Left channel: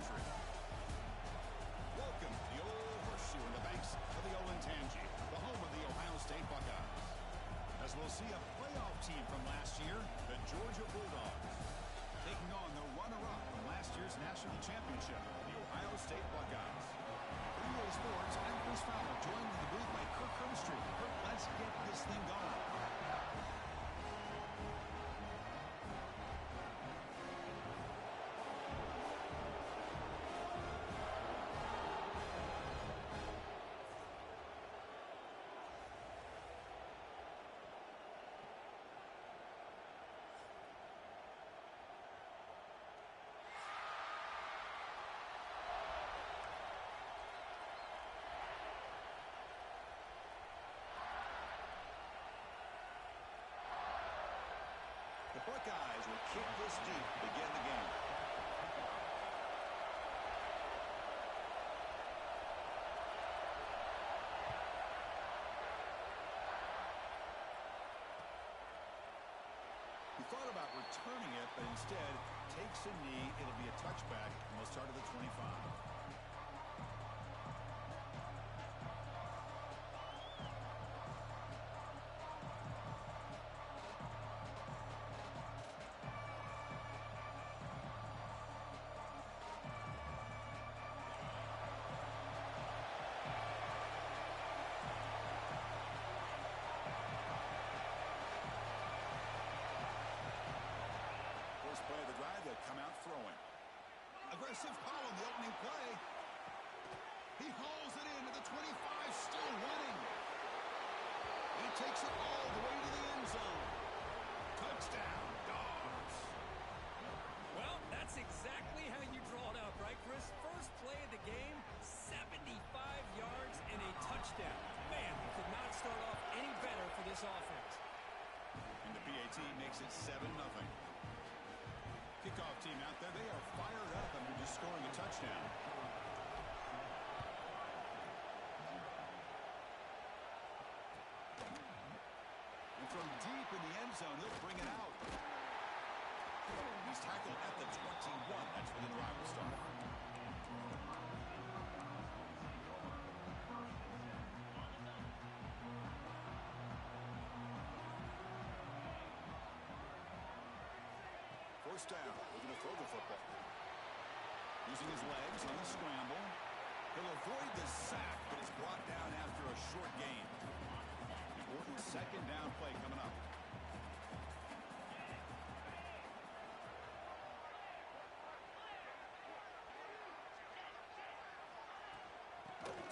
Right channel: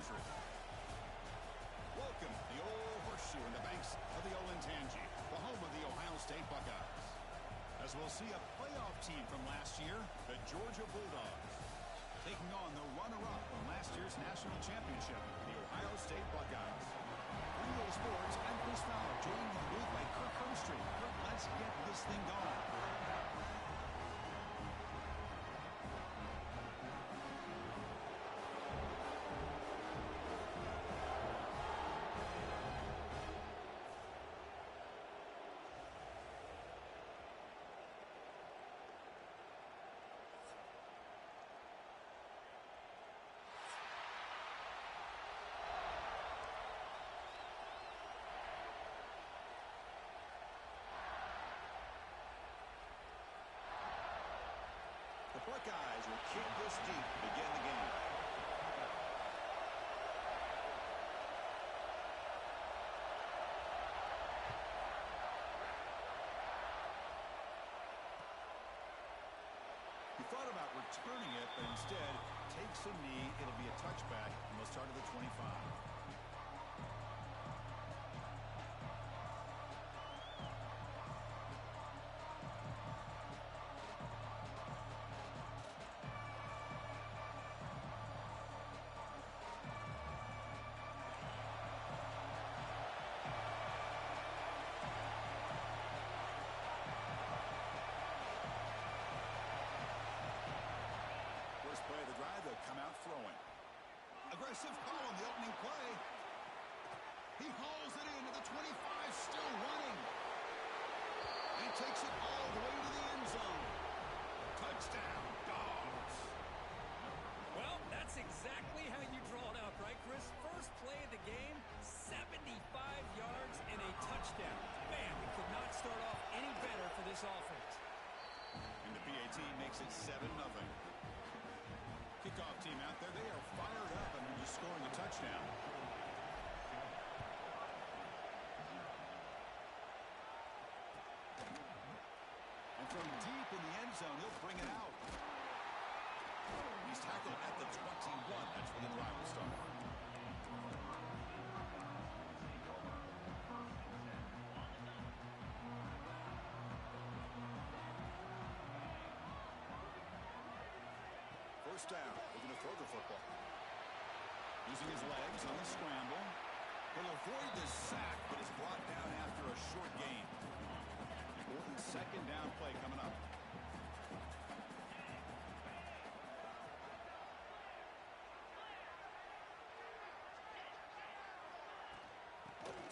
country. Welcome to the old horseshoe in the banks of the old Ncaa, the home of the Ohio State Buckeyes. As we'll see a playoff team from last year, the Georgia Bulldogs, taking on the runner-up from last year's national championship, the Ohio State Buckeyes. For EA Sports, I'm Chris Fowler, joined in the booth by Kirk Hermstreet. Kirk, let's get this thing going. The Buckeyes will kick this deep to begin the game. He thought about returning it, but instead takes a knee. It'll be a touchback, and we'll start at the 25. First play of the drive, they'll come out throwing. Aggressive call on the opening play. He hauls it into the 25, still running. He takes it all the way to the end zone. Touchdown, Dogs. Well, that's exactly how you draw it up, right, Chris? First play of the game, 75 yards and a touchdown. Man, we could not start off any better for this offense. And the PAT makes it 7-0. Kickoff team out there, they are fired up and they're just scoring a touchdown. And from deep in the end zone, he'll bring it out. He's tackled at the 21. That's where the drive will start. First down, looking to throw the football. Using his legs on the scramble. He'll avoid the sack, but is brought down after a short gain. Important second down play coming up.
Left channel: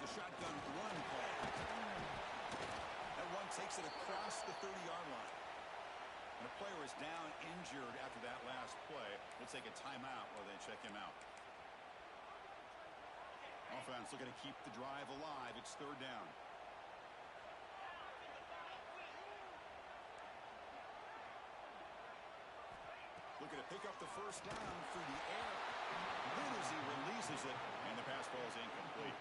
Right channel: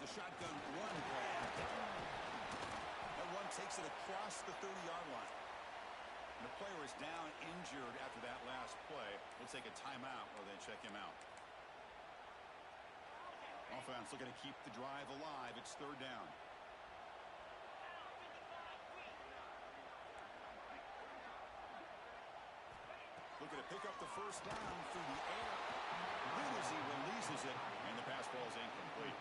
It's a shotgun run play. That one takes it across the 30-yard line. And the player is down injured after that last play. We'll take a timeout while they check him out. Offense looking to keep the drive alive. It's third down. Looking to pick up the first down through the air. Then as he releases it, and the pass ball is incomplete.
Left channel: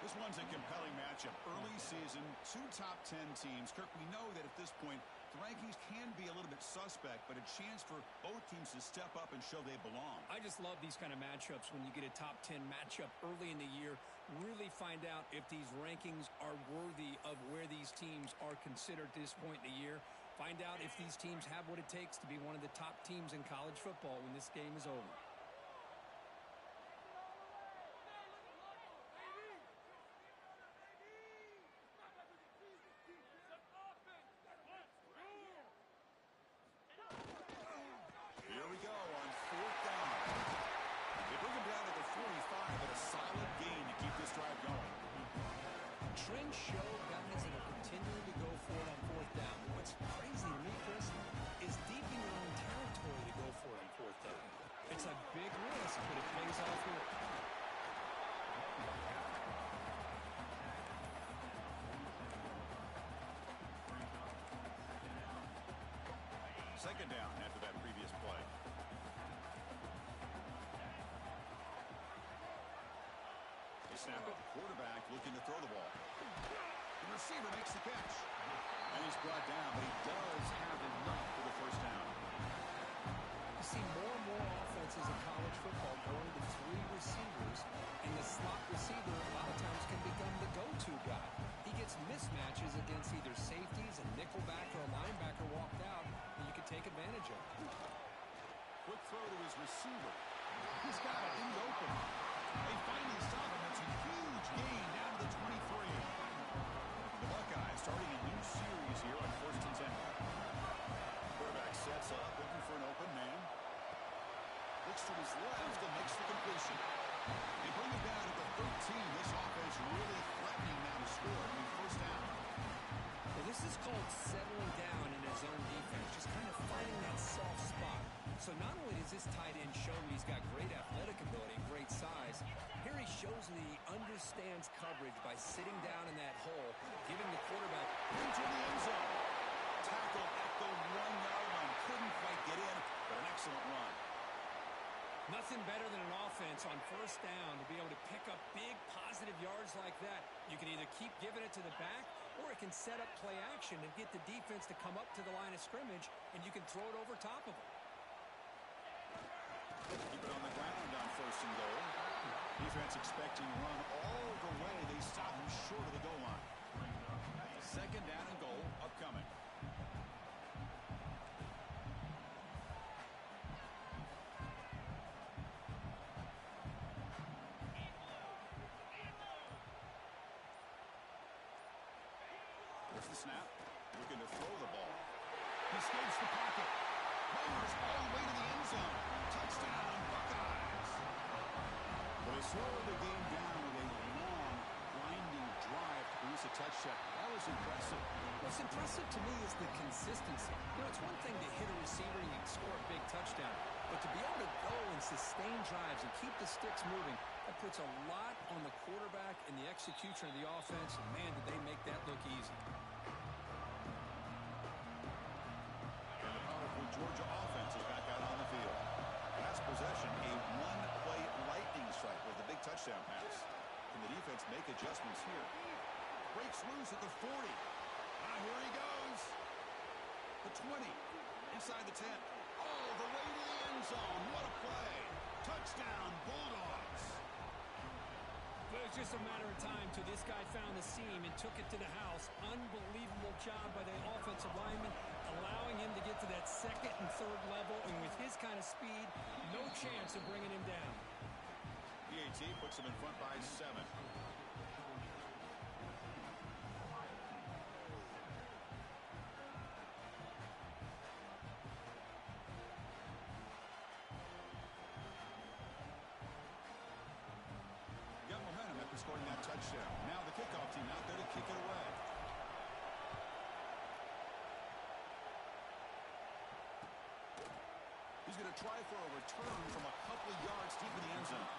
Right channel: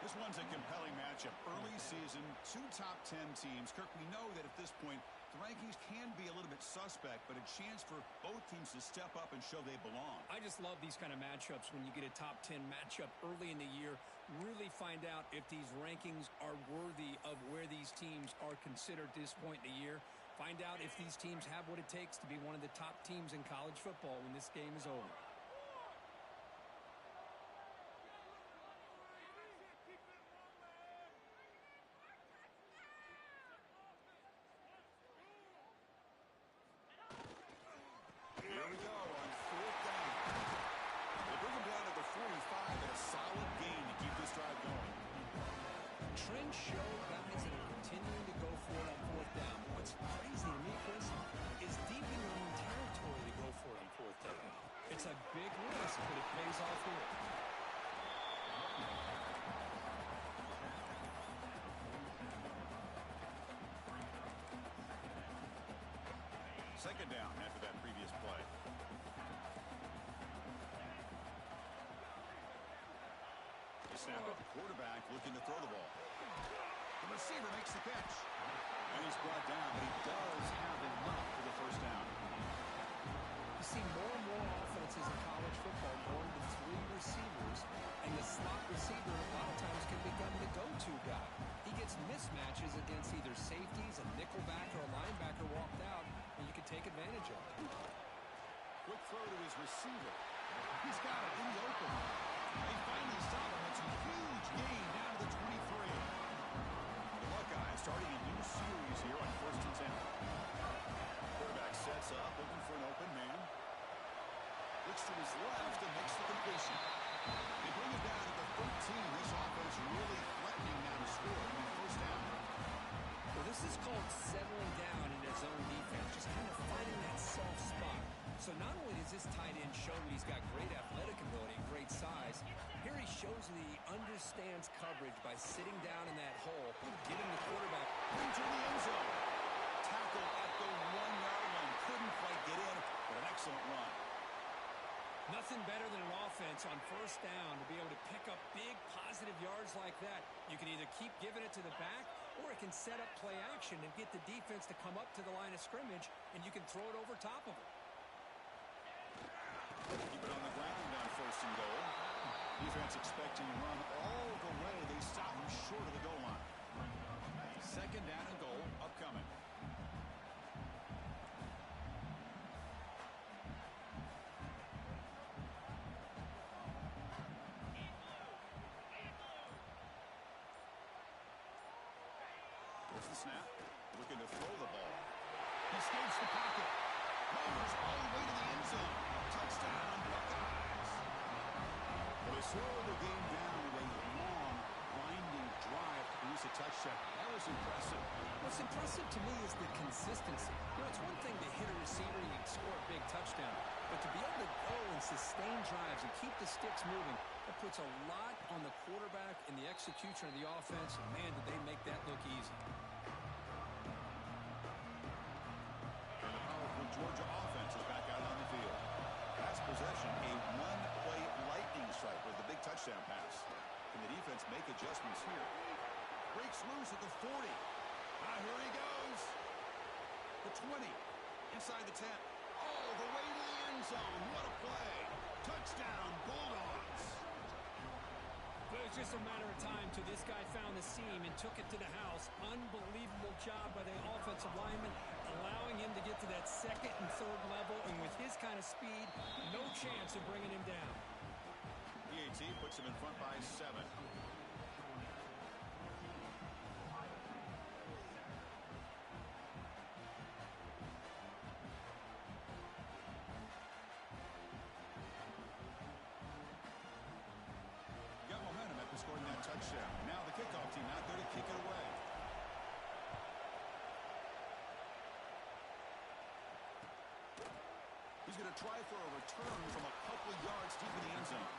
This one's a compelling matchup. Early season, two top 10 teams. Kirk, we know that at this point, the rankings can be a little bit suspect, but a chance for both teams to step up and show they belong. I just love these kind of matchups when you get a top 10 matchup early in the year. Really find out if these rankings are worthy of where these teams are considered at this point in the year. Find out if these teams have what it takes to be one of the top teams in college football when this game is over. Here we go on fourth down. They bring him down to the 45 at a solid gain to keep this drive going. Trends show guys that are continuing to go for it on fourth down. What's crazy to me, Chris, is deep in your own territory to go for it on fourth down. It's a big risk, but it pays off here. Second down after that previous play. They snap it. Quarterback looking to throw the ball. The receiver makes the catch. And he's brought down, but he does have enough for the first down. You see more and more offenses in college football going to three receivers, and the slot receiver a lot of times can become the go-to guy. He gets mismatches against either safeties, a nickelback, or a linebacker walked out, and you can take advantage of it. Quick throw to his receiver. He's got it in the open. They finally stop him. It's a huge gain down to the 23. The Buckeyes starting a new series here on 1st and 10. Quarterback sets up, looking for an open man. Looks to his left and makes the completion. They bring him down at the 13. This offense really threatening now to score. I mean, first down. Well, this is called settling down in his own defense, just kind of finding that soft spot. So not only does this tight end show that he's got great athletic ability and great size, here he shows that he understands coverage by sitting down in that hole, giving the quarterback into the end zone. Tackle at the 1-yard line. Couldn't quite get in, but an excellent run. Nothing better than an offense on first down to be able to pick up big positive yards like that. You can either keep giving it to the back, or it can set up play action and get the defense to come up to the line of scrimmage, and you can throw it over top of them. Keep it on the ground on 1st and goal. Defense expecting to run all the way. They stop him short of the goal line. 2nd down and goal upcoming. There's the snap. Looking to throw the ball. He escapes the pocket. Motors all the way to the end zone. Touchdown, Buckeyes. Well, they slowed the game down with a long, grinding drive to produce a touchdown. That was impressive. What's impressive to me is the consistency. You know, it's one thing to hit a receiver and you can score a big touchdown, but to be able to go and sustain drives and keep the sticks moving, that puts a lot on the quarterback and the execution of the offense, and man, did they make that look easy. And the powerful Georgia offense is back out on the field. Last possession, a one-play lightning strike with the big touchdown pass. Can the defense make adjustments here? Breaks loose at the 40. Here he goes. The 20. Inside the 10. All the way to the end zone. What a play. Touchdown, Bulldogs. Well, it was just a matter of time till this guy found the seam and took it to the house. Unbelievable job by the offensive lineman, allowing him to get to that 2nd and 3rd level, and with his kind of speed, no chance of bringing him down. PAT puts him in front by 7. Got momentum after scoring that touchdown. Now the kickoff team out there to kick it away. He's going to try for a return from a couple yards deep in the end zone.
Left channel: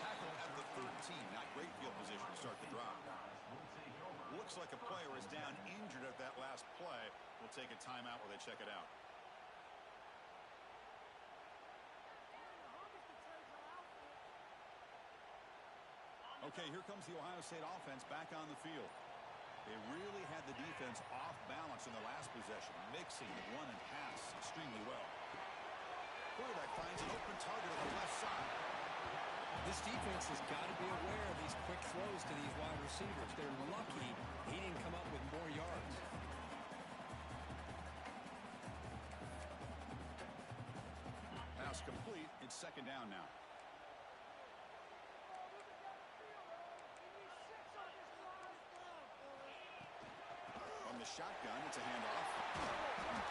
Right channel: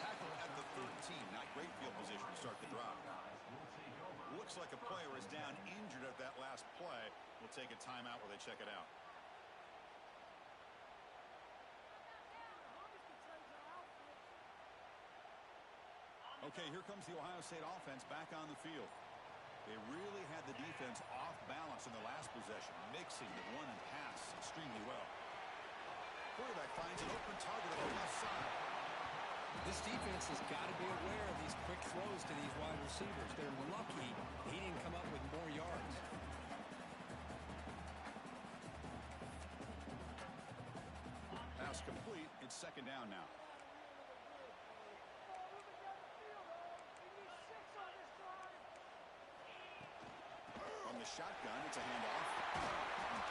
Tackle at the 13. Not great field position to start the drive. Looks like a player is down injured at that last play. We'll take a timeout where they check it out. Okay, here comes the Ohio State offense back on the field. They really had the defense off balance in the last possession, mixing the run and pass extremely well. Quarterback finds an open target on the left side. This defense has got to be aware of these quick throws to these wide receivers. They're lucky he didn't come up with more yards. Pass complete. It's 2nd down now. From the shotgun, it's a handoff.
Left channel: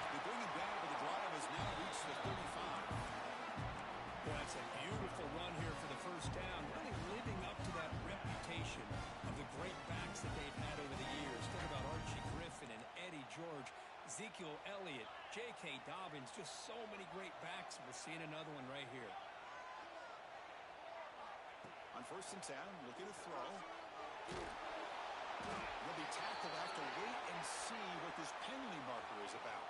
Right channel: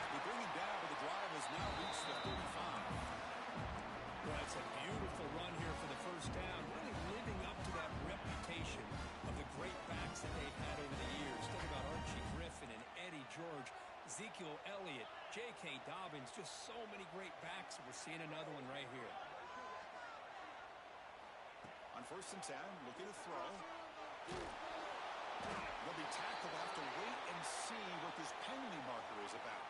They bring him down, but the drive has now reached the 35. Well, that's a beautiful run here for the first down, really living up to that reputation of the great backs that they've had over the years. Think about Archie Griffin and Eddie George, Ezekiel Elliott, J.K. Dobbins, just so many great backs. We're seeing another one right here. On 1st and 10, looking to throw. Will be tackled. Have to wait and see what this penalty marker is about.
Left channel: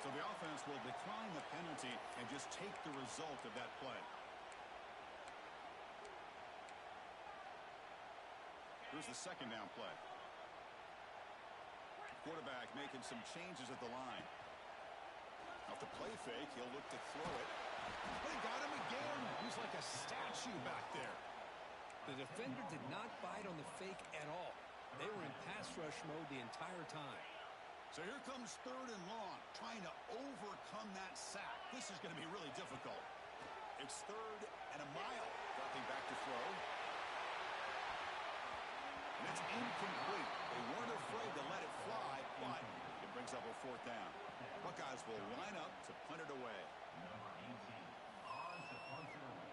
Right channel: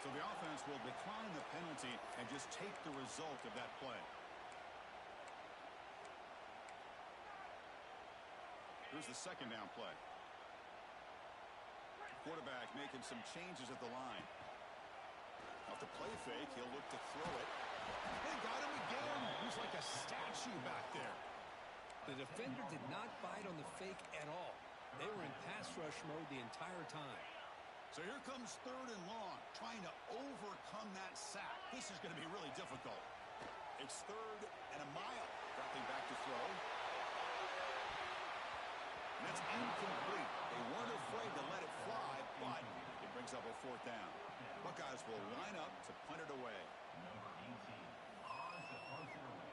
So the offense will decline the penalty and just take the result of that play. Here's the 2nd down play. Quarterback making some changes at the line. Off the play fake, he'll look to throw it. They got him again. He's like a like a statue back there. The defender did not bite on the fake at all. They were in pass rush mode the entire time. So here comes 3rd and long, trying to overcome that sack. This is going to be really difficult. It's 3rd and a mile. Dropping back to throw. And that's incomplete. They weren't afraid to let it fly, but it brings up a 4th down. Buckeyes will line up to punt it away. Number 18 on to punt it away.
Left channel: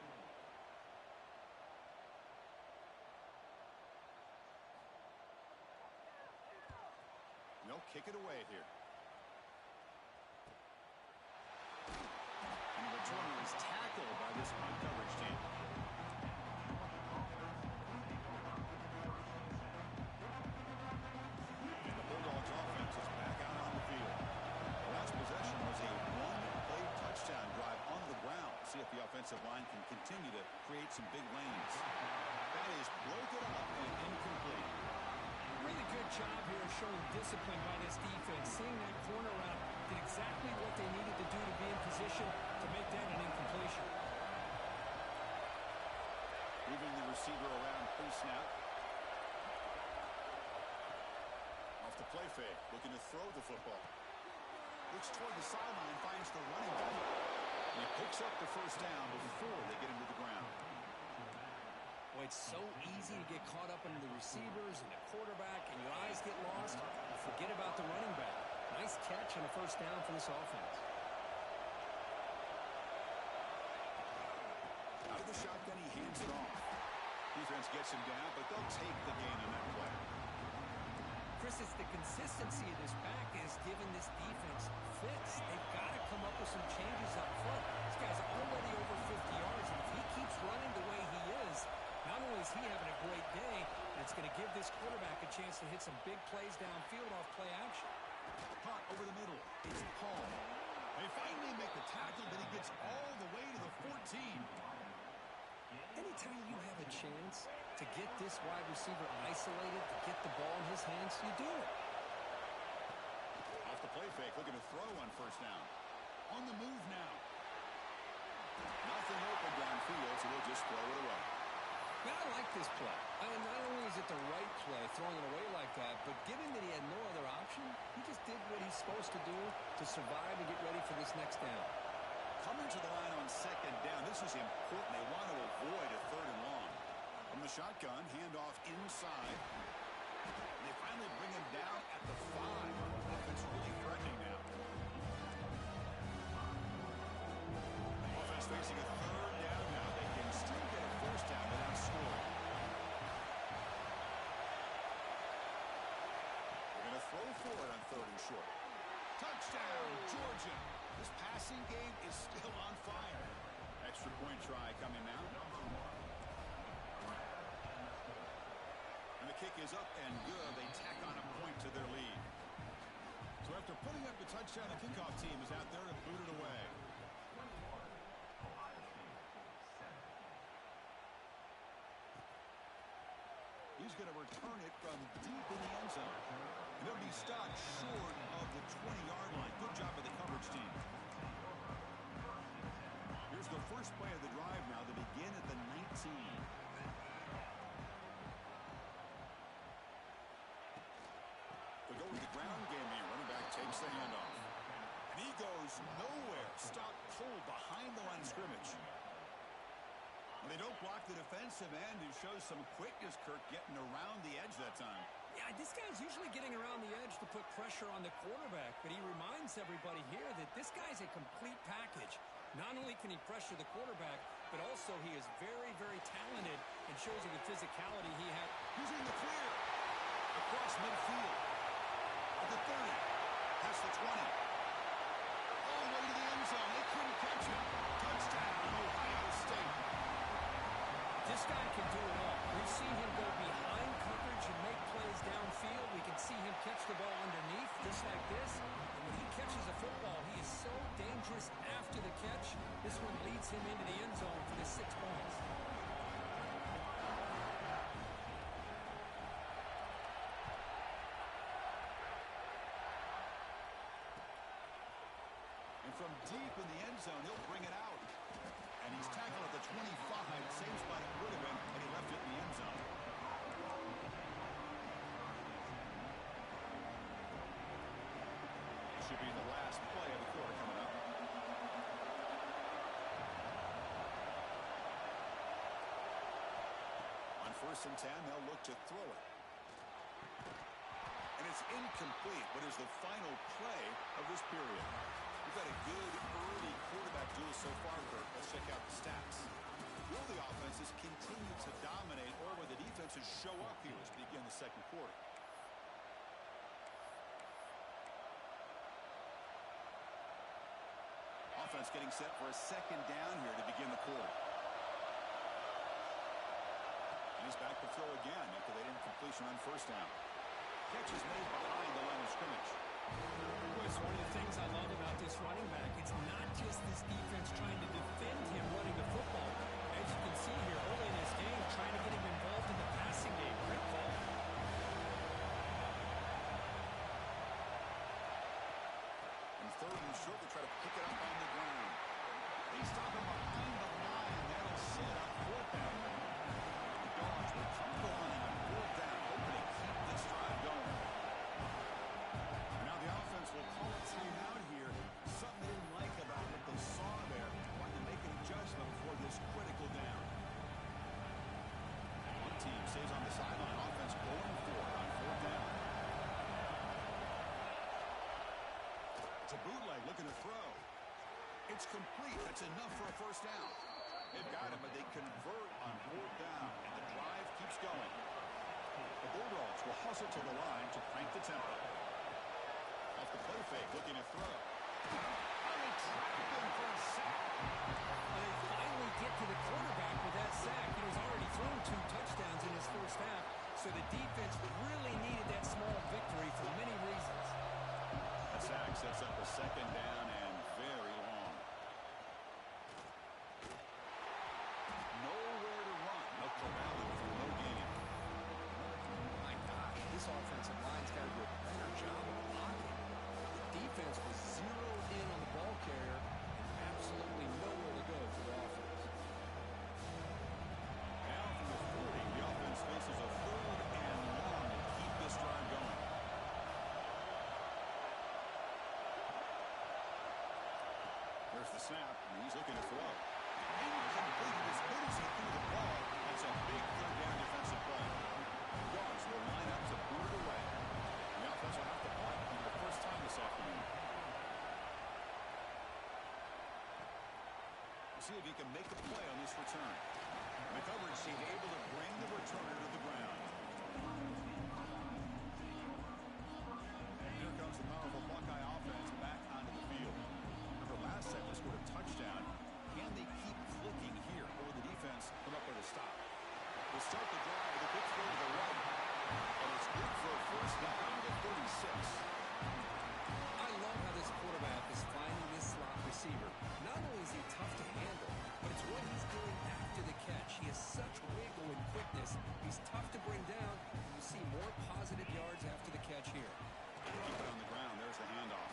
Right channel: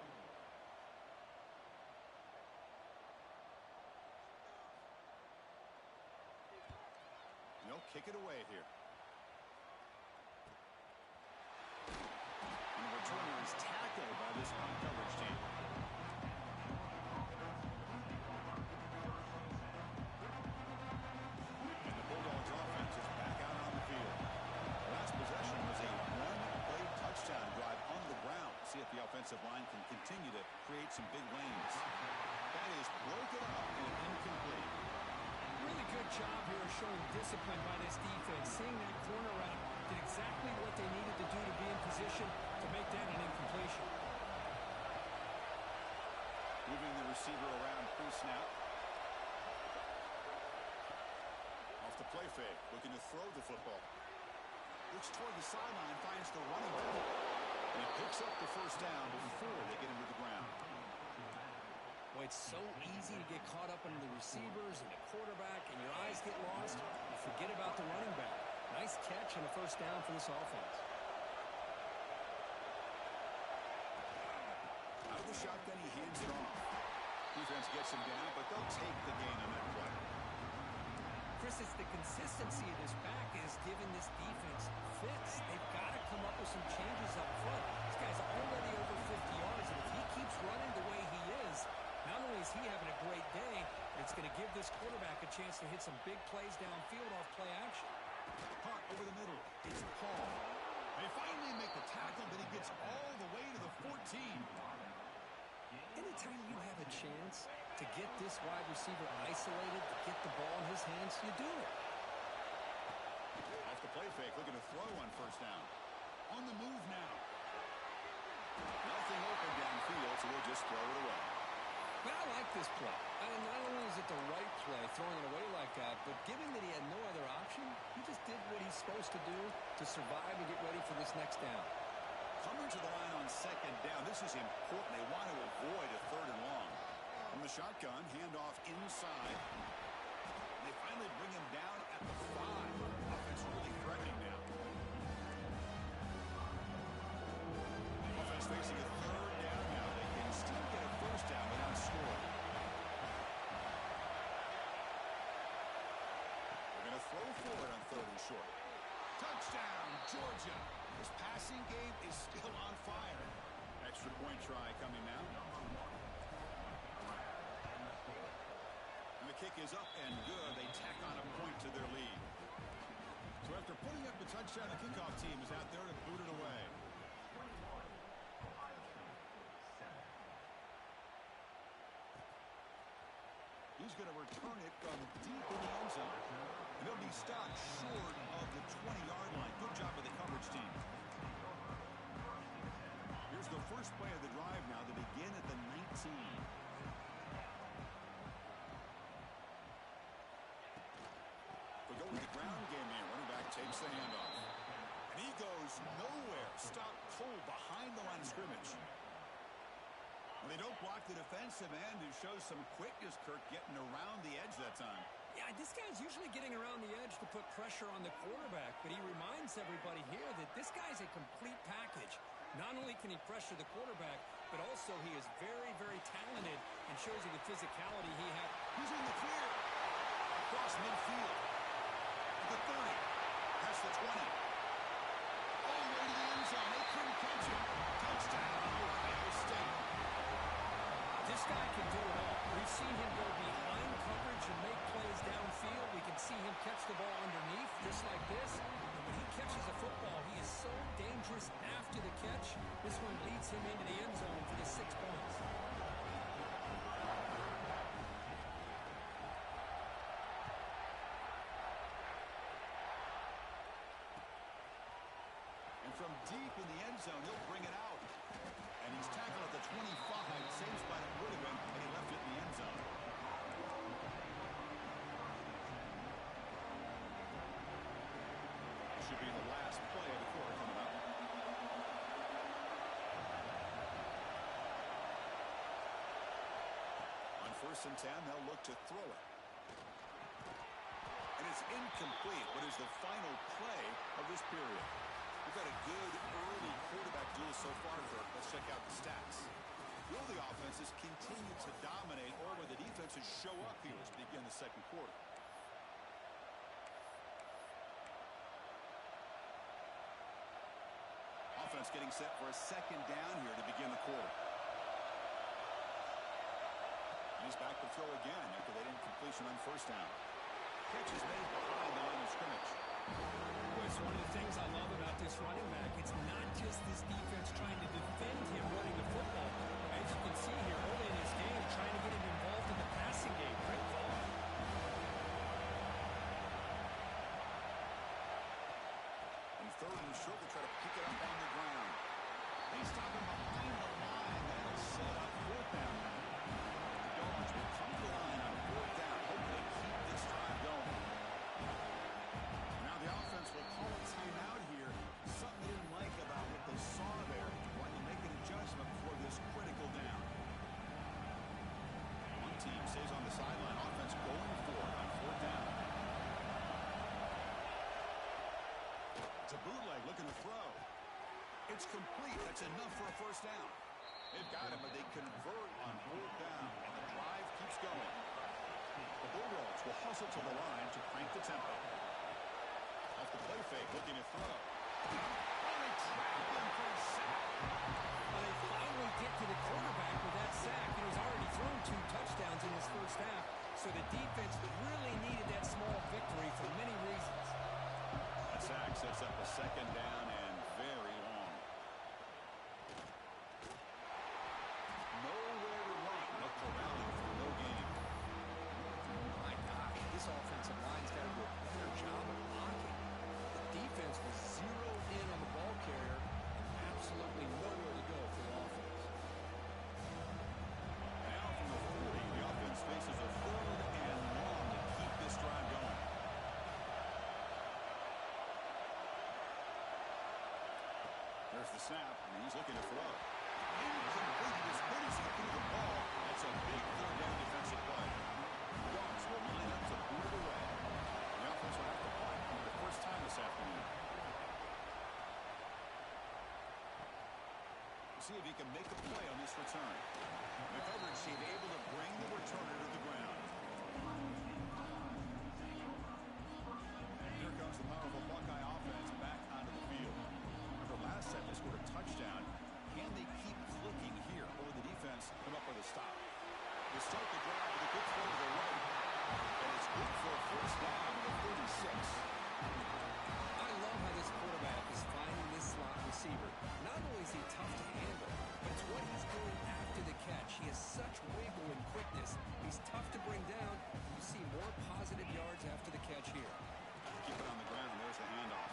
They'll kick it away here. And the returner is tackled by this punt coverage team. And the Bulldogs offense is back out on the field. The last possession was a one-play touchdown drive on the ground. See if the offensive line can continue to create some big lanes. That is broken up and incomplete. Really good job here showing discipline by this defense. Seeing that corner route did exactly what they needed to do to be in position to make that an incompletion. Moving the receiver around pre-snap. Off the play fake, looking to throw the football. Looks toward the sideline, finds the running back. And he picks up the 1st down before they get him to the ground. Boy, it's so easy to get caught up into the receivers and the quarterback, and your eyes get lost. You forget about the running back. Nice catch and a 1st down for this offense. Out of the shotgun, he hands it off. Defense gets him down, but they'll take the gain on that play. Chris, it's the consistency of this back is giving this defense fits. They've got to come up with some changes up front. This guy's already over 50 yards, and if he keeps running the way he is, not only is he having a great day, but it's going to give this quarterback a chance to hit some big plays downfield off play action. Caught over the middle. It's Paul. They finally make the tackle, but he gets all the way to the 14. Anytime you have a chance to get this wide receiver isolated, to get the ball in his hands, you do it. Off the play fake, looking to throw on 1st down. On the move now. Nothing open downfield, so we'll just throw it away. But I like this play. I mean, not only is it the right play, throwing it away like that, but given that he had no other option, he just did what he's supposed to do to survive and get ready for this next down. Coming to the line on 2nd down. This is important. They want to avoid a 3rd and long. From the shotgun, handoff inside. And they finally bring him down at the 5. Offense really threatening now. Offense facing a 3rd down now. They can still get a 1st down without scoring. They're going to throw for it on 3rd and short. Touchdown, Georgia. This passing game is still on fire. Extra point try coming now. And the kick is up and good. They tack on a point to their lead. So after putting up the touchdown, the kickoff team is out there to boot it away. He's going to return it from deep in the end zone. And he'll be stopped short of the 20-yard line. Good job by the coverage team. Here's the first play of the drive now. They begin at the 19. We go with the ground game here. Running back takes the handoff. And he goes nowhere. Stopped cold behind the line of scrimmage. Well, they don't block the defensive end, who shows some quickness, Kirk, getting around the edge that time. Yeah, this guy's usually getting around the edge to put pressure on the quarterback, but he reminds everybody here that this guy's a complete package. Not only can he pressure the quarterback, but also he is very, very talented and shows you the physicality he has. He's in the clear. Across midfield. At the 30. Past the 20. All the way to the end zone. They couldn't catch him. Touchdown, Ohio State. This guy can do it all. We've seen him go behind coverage and make plays downfield. We can see him catch the ball underneath, just like this. And when he catches a football, he is so dangerous after the catch. This one leads him into the end zone for the 6 points. And from deep in the end zone, he'll bring it out. And he's tackled at the 25. should be the last play of the quarter coming up. On 1st and 10, they'll look to throw it. And it's incomplete. What is the final play of this period? We've had a good early quarterback duel so far, Kirk. Let's check out the stats. Will the offenses continue to dominate, or will the defenses show up here as we begin the second quarter? Offense getting set for a second down here to begin the quarter. And he's back to throw again after that incompletion on 1st down. Catch is made behind the line of scrimmage. Well, it's one of the things I love about this running back. It's not just this defense trying to defend him running the football. As you can see here early in this game, trying to get him involved in the passing game. Great call. And 3rd and short, they try to pick it up on the ground. They stop him behind the line. That'll set up 4th down. The Dogs will come to the line on 4th down, hoping to keep this drive going. Now the offense will call a timeout here. Something they didn't like about what they saw there. Wanting to make an adjustment before this critical down. One team stays on the sideline. Offense going for it on 4th down. It's a bootleg looking to throw. It's complete. That's enough for a 1st down. They've got it, but they convert on 4th down. And the drive keeps going. The Bulldogs will hustle to the line to crank the tempo. Off the play fake, looking to throw. Oh, they trap him for a sack. Well, they finally get to the quarterback with that sack. He's already thrown 2 touchdowns in his 1st half, so the defense really needed that small victory for many reasons. A sack sets up a 2nd down and very long. Nowhere to run. No corralling for no gain. My gosh, this offensive line's got to do a better job of blocking. The defense was zeroed in on the ball carrier and absolutely nowhere to go for the offense. Now from the 40, the offense faces a 3rd and long to keep this drive going. There's the snap, and he's looking to throw. Incomplete. As good as he threw the ball, that's a big 3rd down defensive play. The Dogs will line up to boot it away. The offense will have to punt for the 1st time this afternoon. We'll see if he can make a play on this return. The coverage team able to bring the returner to the ground. Here comes the powerful Buckeye offense back onto the field. Remember, last set they scored a touchdown. Can they keep clicking here, or will the defense come up with a stop? They start the drive with a good throw to the right. And it's good for a 1st down to 36. I love how this quarterback is finding this slot receiver. Not only is he tough to handle, but it's what he's doing after the catch. He has such wiggle and quickness. He's tough to bring down. You see more positive yards after the catch here. Keep it on the ground. There's the handoff.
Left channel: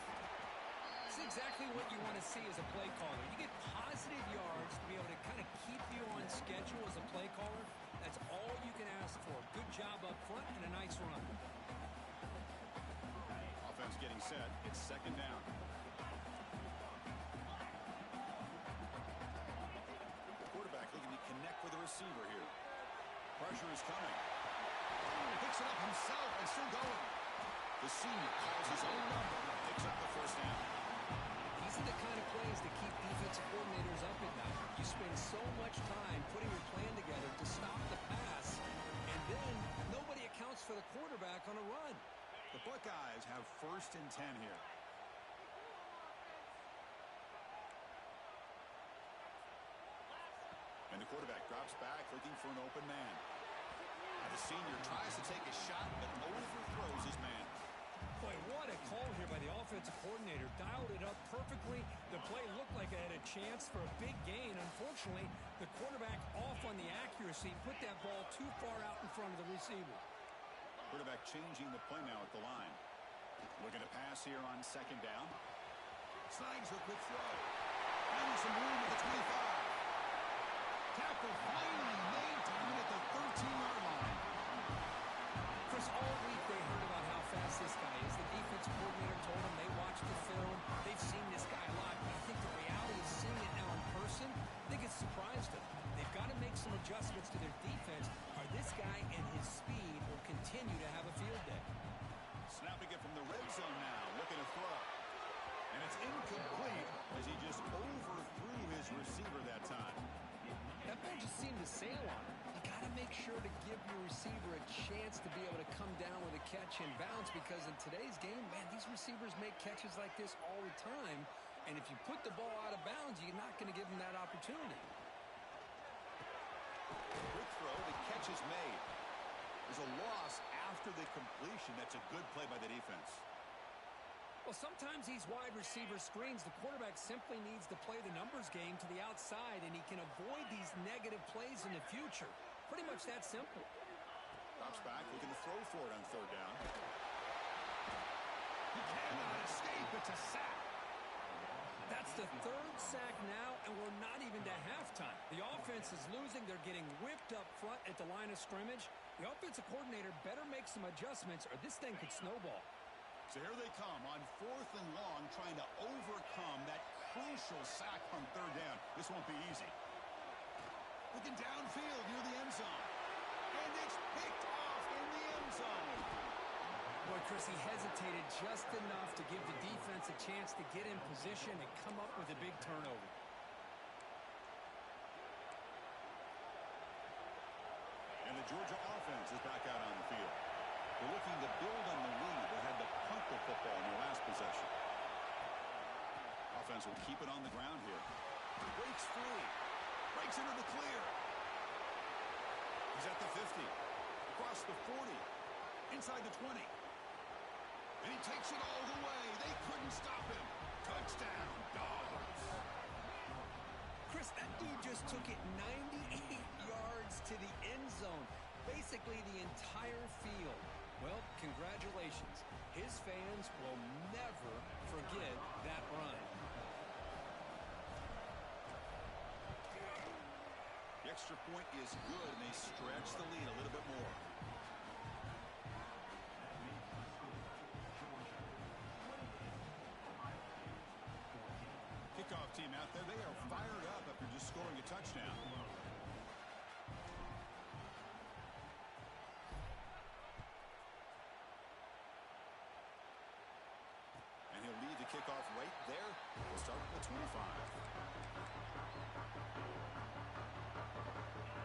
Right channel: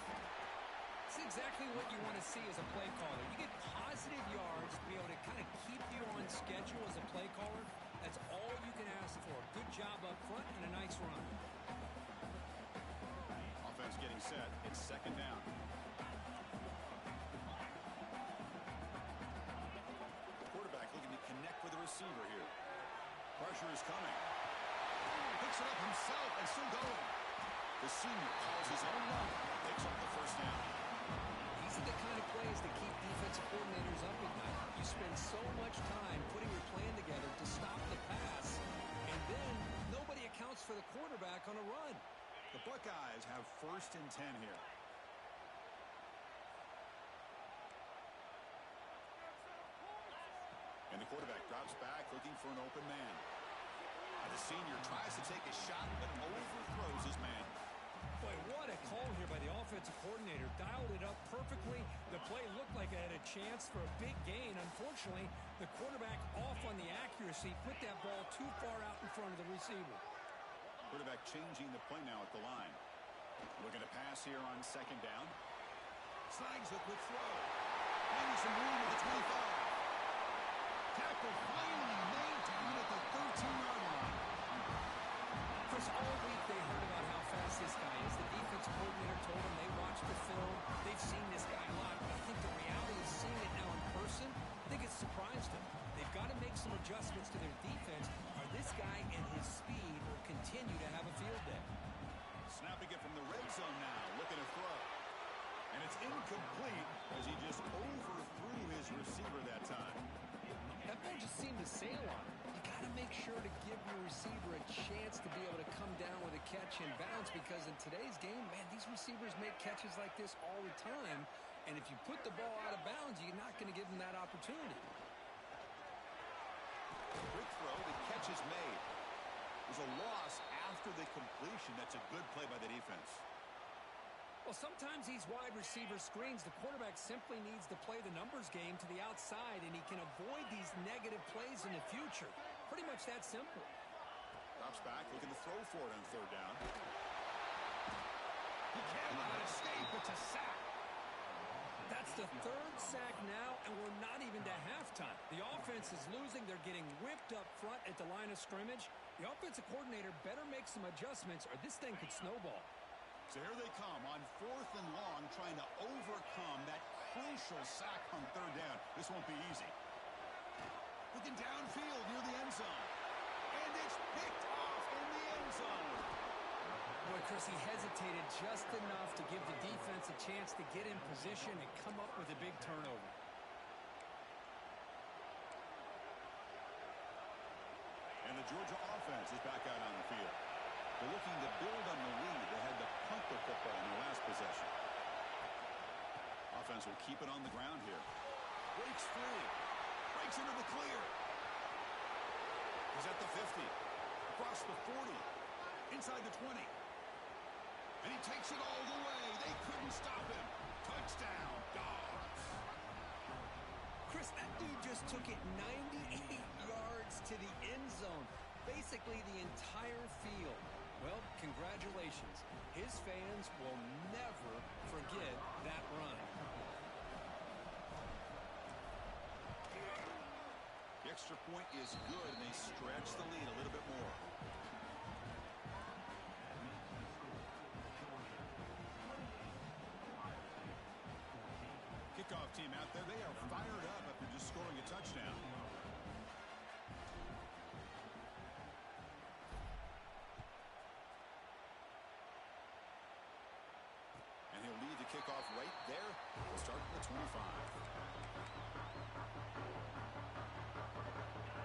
It's exactly what you want to see as a play caller. You get positive yards to be able to kind of keep you on schedule as a play caller. That's all you can ask for. Good job up front and a nice run. Offense getting set. It's 2nd down. Quarterback looking to connect with the receiver here. Pressure is coming. Picks it up himself and still going. The senior calls his own number and picks up the 1st down. These are the kind of plays that keep defensive coordinators up at night. You spend so much time putting your plan together to stop the pass, and then nobody accounts for the quarterback on a run. The Buckeyes have 1st and 10 here. And the quarterback drops back looking for an open man. The senior tries to take a shot but overthrows his man. Boy, what a call here by the offensive coordinator. Dialed it up perfectly. The play looked like it had a chance for a big gain. Unfortunately, the quarterback off on the accuracy, put that ball too far out in front of the receiver. Quarterback changing the play now at the line. Looking to pass here on 2nd down. Snags the quick throw. Maybe some room at the 25. Tackle finally made down at the 13-yard line. Chris, all week they heard about how fast fast this guy is. The defense coordinator told him they watched the film. They've seen this guy a lot. But I think the reality of seeing it now in person, I think it's surprised him. They've got to make some adjustments to their defense, or this guy and his speed will continue to have a field day. Snapping it from the red zone now, looking to throw. And it's incomplete as he just overthrew his receiver that time. That ball just seemed to sail on him. You got to make sure to give your receiver a chance to be able to come down with a catch and bounce, because in today's game, man, these receivers make catches like this all the time. And if you put the ball out of bounds, you're not going to give them that opportunity. Quick throw, the catch is made. There's a loss after the completion. That's a good play by the defense. Well, sometimes these wide receiver screens, the quarterback simply needs to play the numbers game to the outside, and he can avoid these negative plays in the future. Pretty much that simple. Drops back, looking to throw for it on third down. He cannot escape. It's a sack. That's the third sack now, and we're not even to halftime. The offense is losing. They're getting whipped up front at the line of scrimmage. The offensive coordinator better make some adjustments, or this thing could snowball. So here they come on 4th and long, trying to overcome that crucial sack on third down. This won't be easy. Looking downfield near the end zone. And it's picked off in the end zone. Boy, Chris, he hesitated just enough to give the defense a chance to get in position and come up with a big turnover. And the Georgia offense is back out on the field. They're looking to build on the lead. They had to punt the football in their last possession. Offense will keep it on the ground here. Breaks free. Breaks into the clear. He's at the 50. Across the 40. Inside the 20. And he takes it all the way. They couldn't stop him. Touchdown, Dogs. Chris, that dude just took it 98 yards to the end zone. Basically the entire field. Well, congratulations. His fans will never forget that run. The extra point is good, and they stretch the lead a little bit more. Kickoff team out there. They are fired up after just scoring a touchdown. And he'll lead the kickoff right there. We'll start at the 25.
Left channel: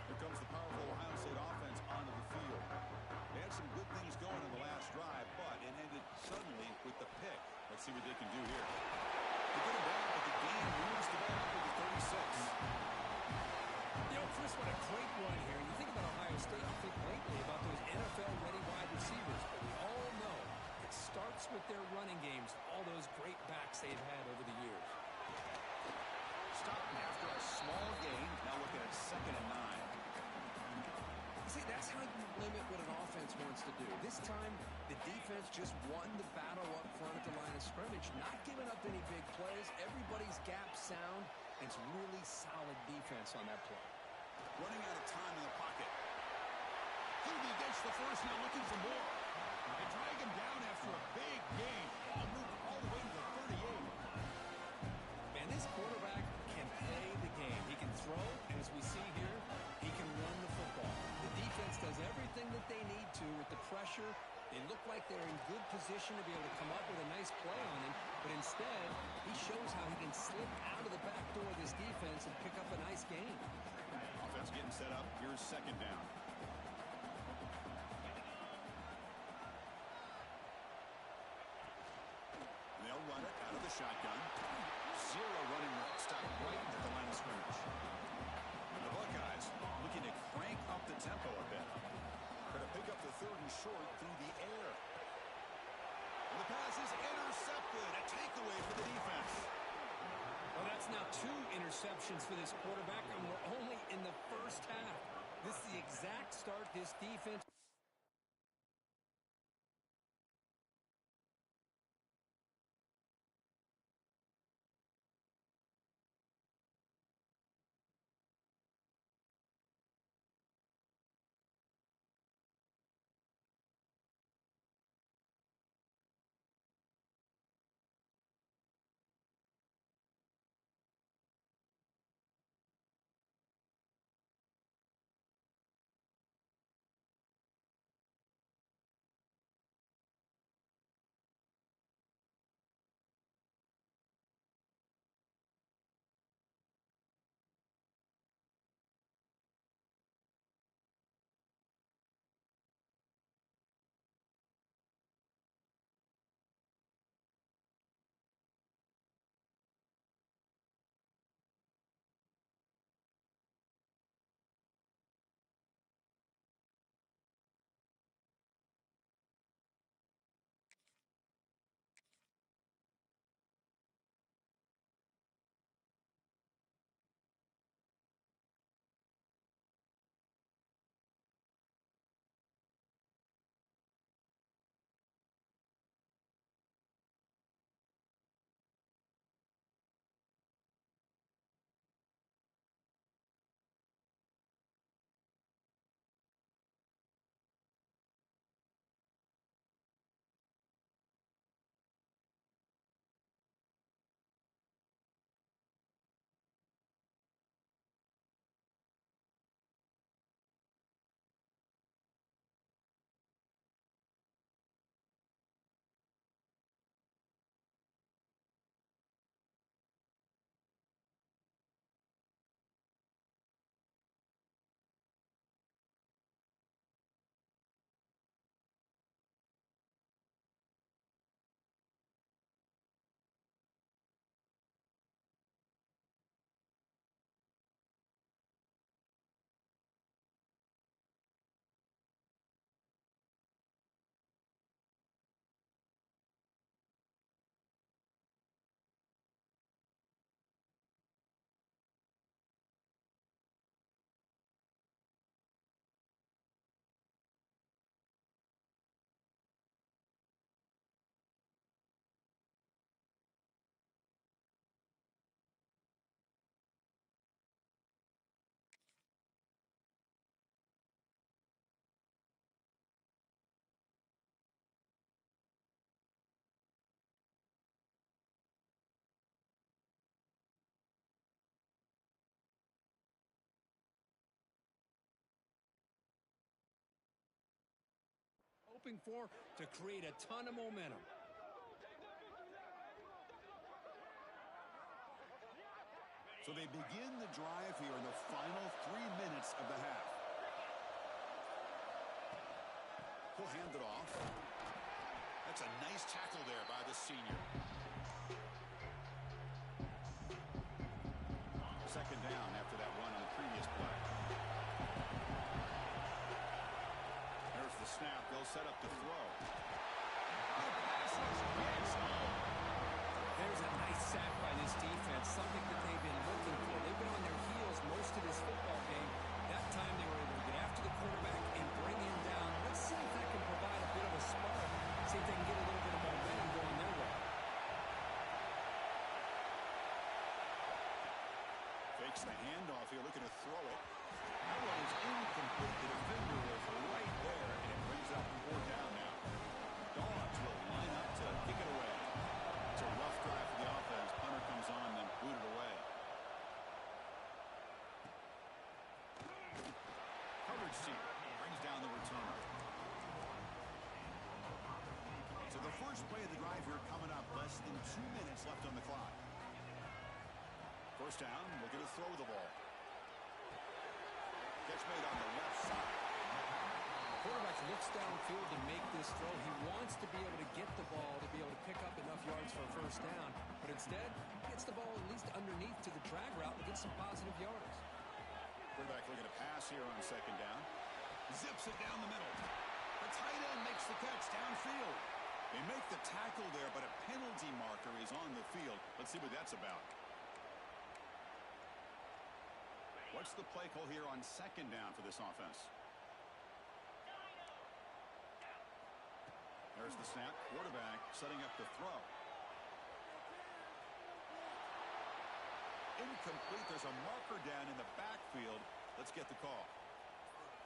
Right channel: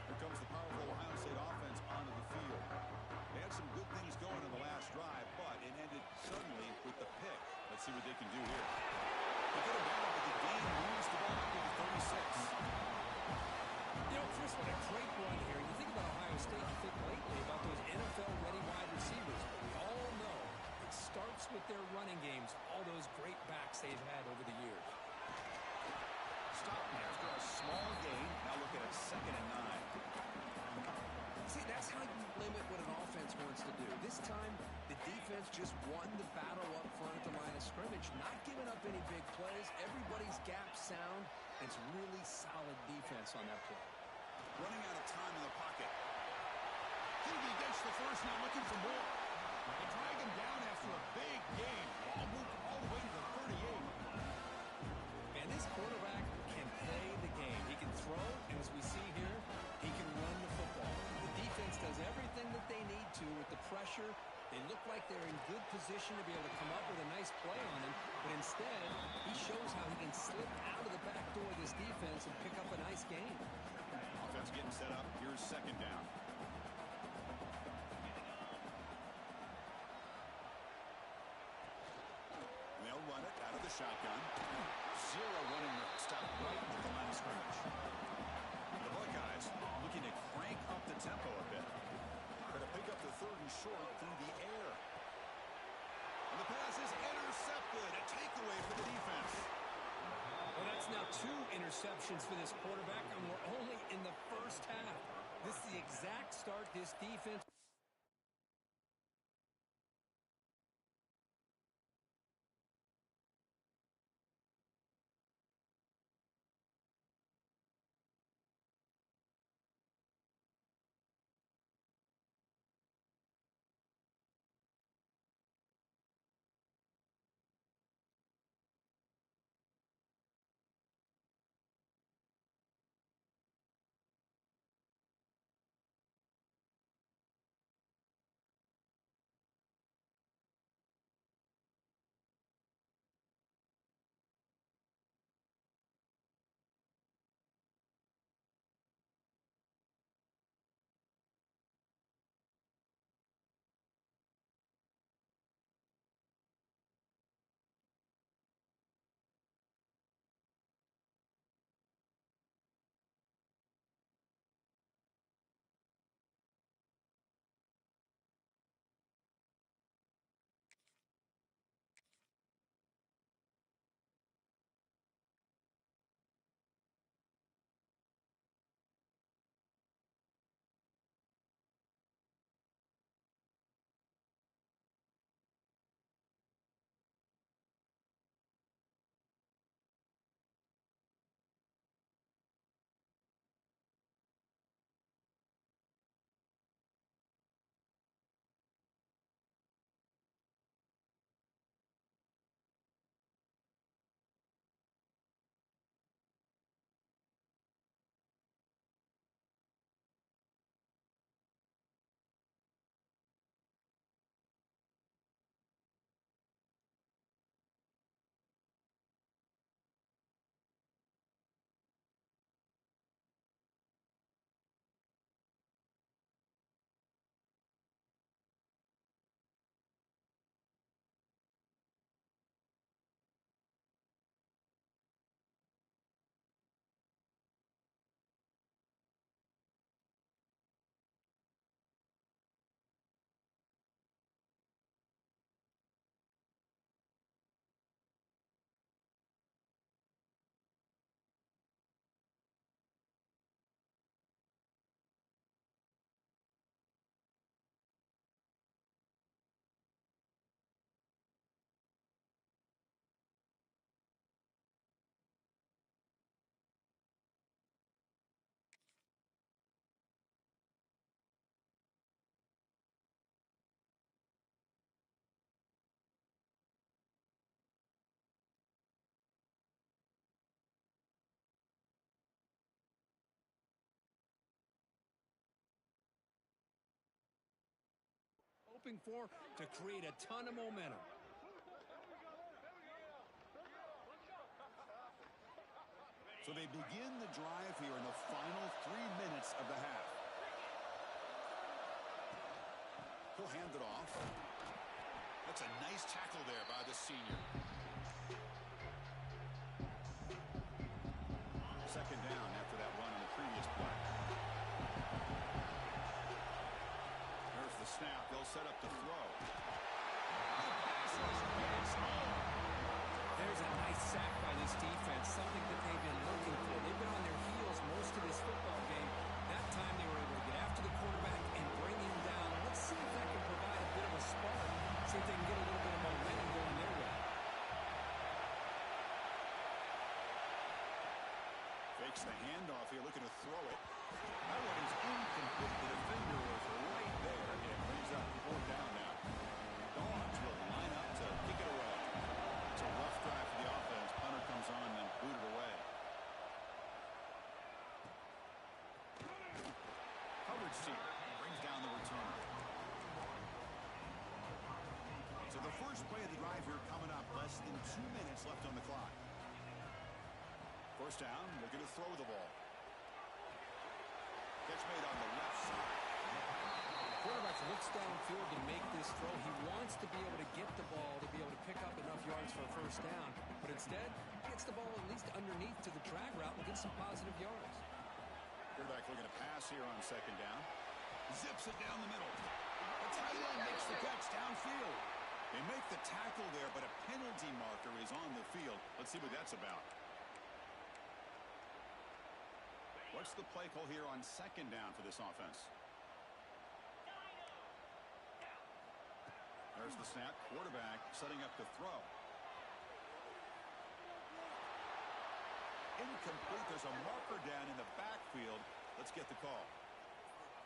Here comes the powerful Ohio State offense onto the field. They had some good things going in the last drive, but it ended suddenly with the pick. Let's see what they can do here. They get him down, but the game moves the ball up to the 36. You know, Chris, what a great run here. You think about Ohio State, you think lately about those NFL-ready wide receivers. But we all know it starts with their running games, all those great backs they've had over the years. Stop after a small gain. Now looking at 2nd and 9. See, that's how you limit what an offense wants to do. This time, the defense just won the battle up front at the line of scrimmage, not giving up any big plays. Everybody's gap sound. It's really solid defense on that play. Running out of time in the pocket. Hebe gets the first, now looking for more. They drag him down after a big gain. Ball moved all the way to the 38. Man, this quarterback can play the game. He can throw, and as we see here, he can run the football. The defense does everything that they need to with the pressure. They look like they're in good position to be able to come up with a nice play on him, but instead, he shows how he can slip out of the back door of this defense and pick up a nice gain. Offense getting set up. Here's 2nd down. And they'll run it out of the shotgun. Zero running stop right at the line of scrimmage. The Buckeyes looking to crank up the tempo a bit. Going to pick up the 3rd and short through the air. And the pass is intercepted. A takeaway for the defense. Well, that's now 2 interceptions for this quarterback, and we're only in the first half. This is the exact start this defense hoping for to create a ton of momentum. So they begin the drive here in the final 3 minutes of the half. He'll hand it off. That's a nice tackle there by the senior. Second down after that run on the previous play. There's the snap. They'll set up the throw. The pass rush gets home. There's a nice sack by this defense, something that they've been looking for. They've been on their heels most of this football game. That time they were able to get after the quarterback and bring him down. Let's see if that can provide a bit of a spark. See if they can get a little bit of momentum going their way. Fakes the handoff here, looking to throw it. That one is incomplete. The defender was right there, and it brings up 4th down now. Dogs will line up to kick it away. It's a rough drive for the offense. Punter comes on and booted away. Coverage team brings down the returner. So the first play of the drive here coming up. Less than 2 minutes left on the clock. First down, looking to throw the ball. Catch made on the left side. Quarterback looks downfield to make this throw. He wants to be able to get the ball to be able to pick up enough yards for a first down. But instead, he gets the ball at least underneath to the drag route and gets some positive yards. Quarterback looking to pass here on second down. Zips it down the middle. The tight end makes the catch downfield. They make the tackle there, but a penalty marker is on the field. Let's see what that's about. What's the play call here on second down for this offense? There's the snap. Quarterback setting up the throw. Incomplete. There's a marker down in the backfield. Let's get the call.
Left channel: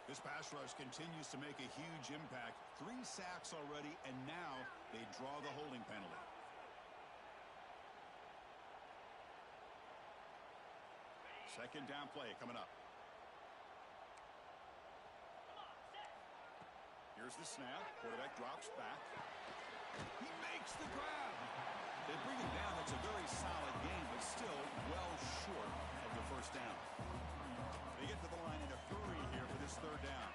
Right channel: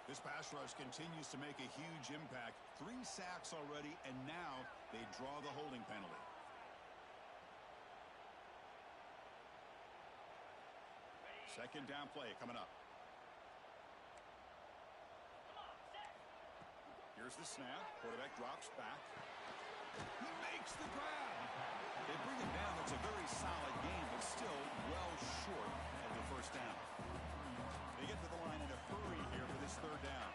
This pass rush continues to make a huge impact. 3 sacks already, and now they draw the holding penalty. Second down play coming up. Here's the snap. Quarterback drops back. He makes the grab. They bring him down. That's a very solid game, but still well short of the first down. They get to the line in a hurry here for this third down.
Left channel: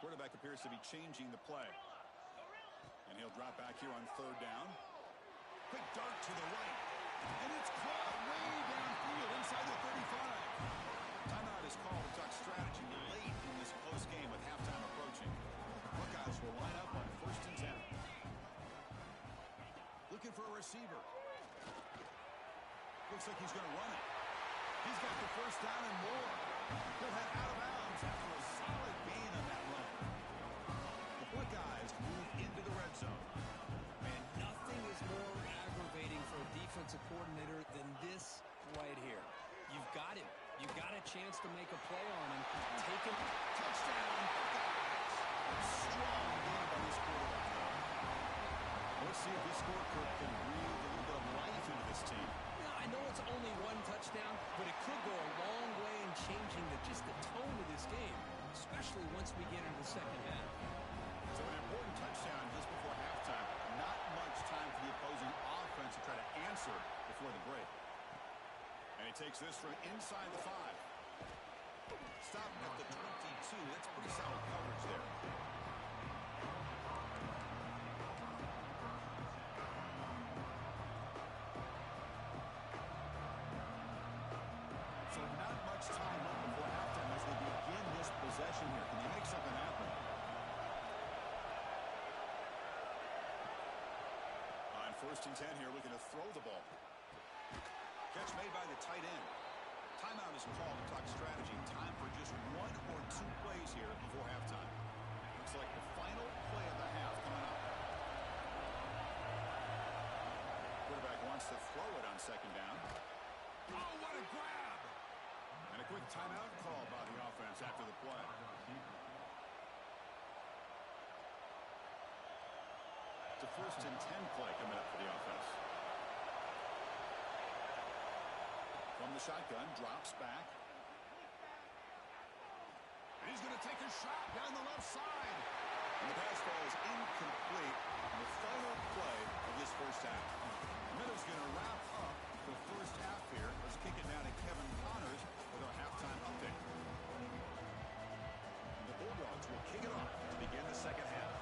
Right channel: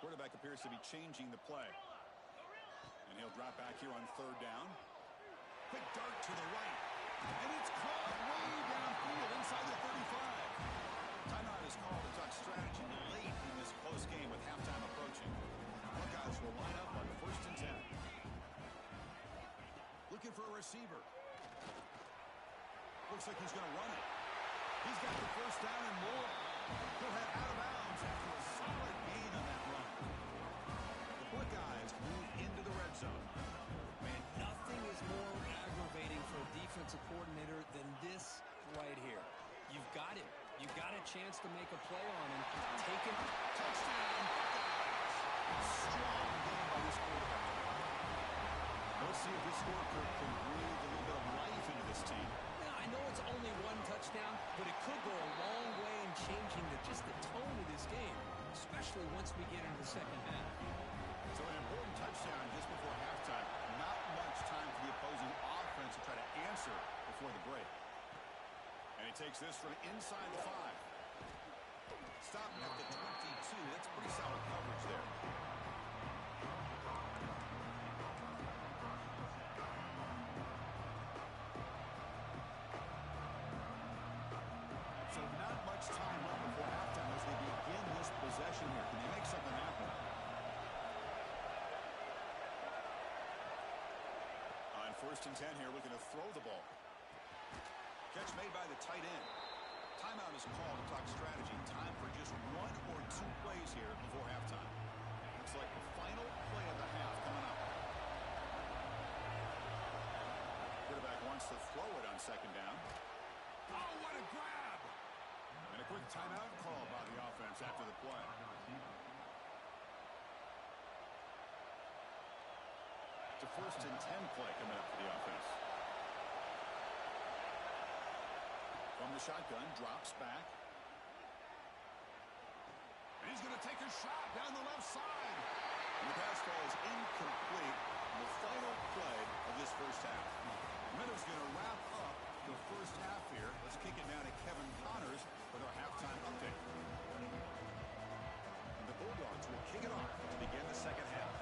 Quarterback appears to be changing the play. And he'll drop back here on third down. Quick dart to the right. And it's caught way downfield inside the 35. Timeout is called to talk strategy late in this close game with halftime approaching. Buckeyes will line up on 1st and 10. Looking for a receiver. Looks like he's going to run it. He's got the first down and more. He'll head out of bounds after a solid gain on that run. The Buckeyes move into the red zone. Man, nothing is more aggravating for a defensive coordinator than this right here. You've got him. You've got a chance to make a play on him. Take him. Touchdown, Buckeyes. Strong game by this quarterback. Let's see if this scorecard can breathe a little bit of life into this team. Now, I know it's only 1 touchdown, but it could go a long way in changing just the tone of this game, especially once we get into the second half. So an important touchdown just before halftime. Not much time for the opposing offense to try to answer before the break. And he takes this from inside the 5. Stopping at the 22. That's pretty solid coverage there. So not much time left before halftime as they begin this possession here. Can they make something happen? On 1st and 10 here, looking to throw the ball. Catch made by the tight end. Timeout is called to talk strategy. Time for just 1 or 2 plays here before halftime. Looks like the final play of the half coming up. Quarterback wants to throw it on second down. Oh, what a grab! And a quick timeout call by the offense after the play. It's a 1st and 10 play coming up for the offense. From the shotgun, drops back. He's going to take a shot down the left side. And the pass falls incomplete in the final play of this first half. Miller's going to wrap up the first half here. Let's kick it now to Kevin Connors with our halftime update. The Bulldogs will kick it off to begin the second half.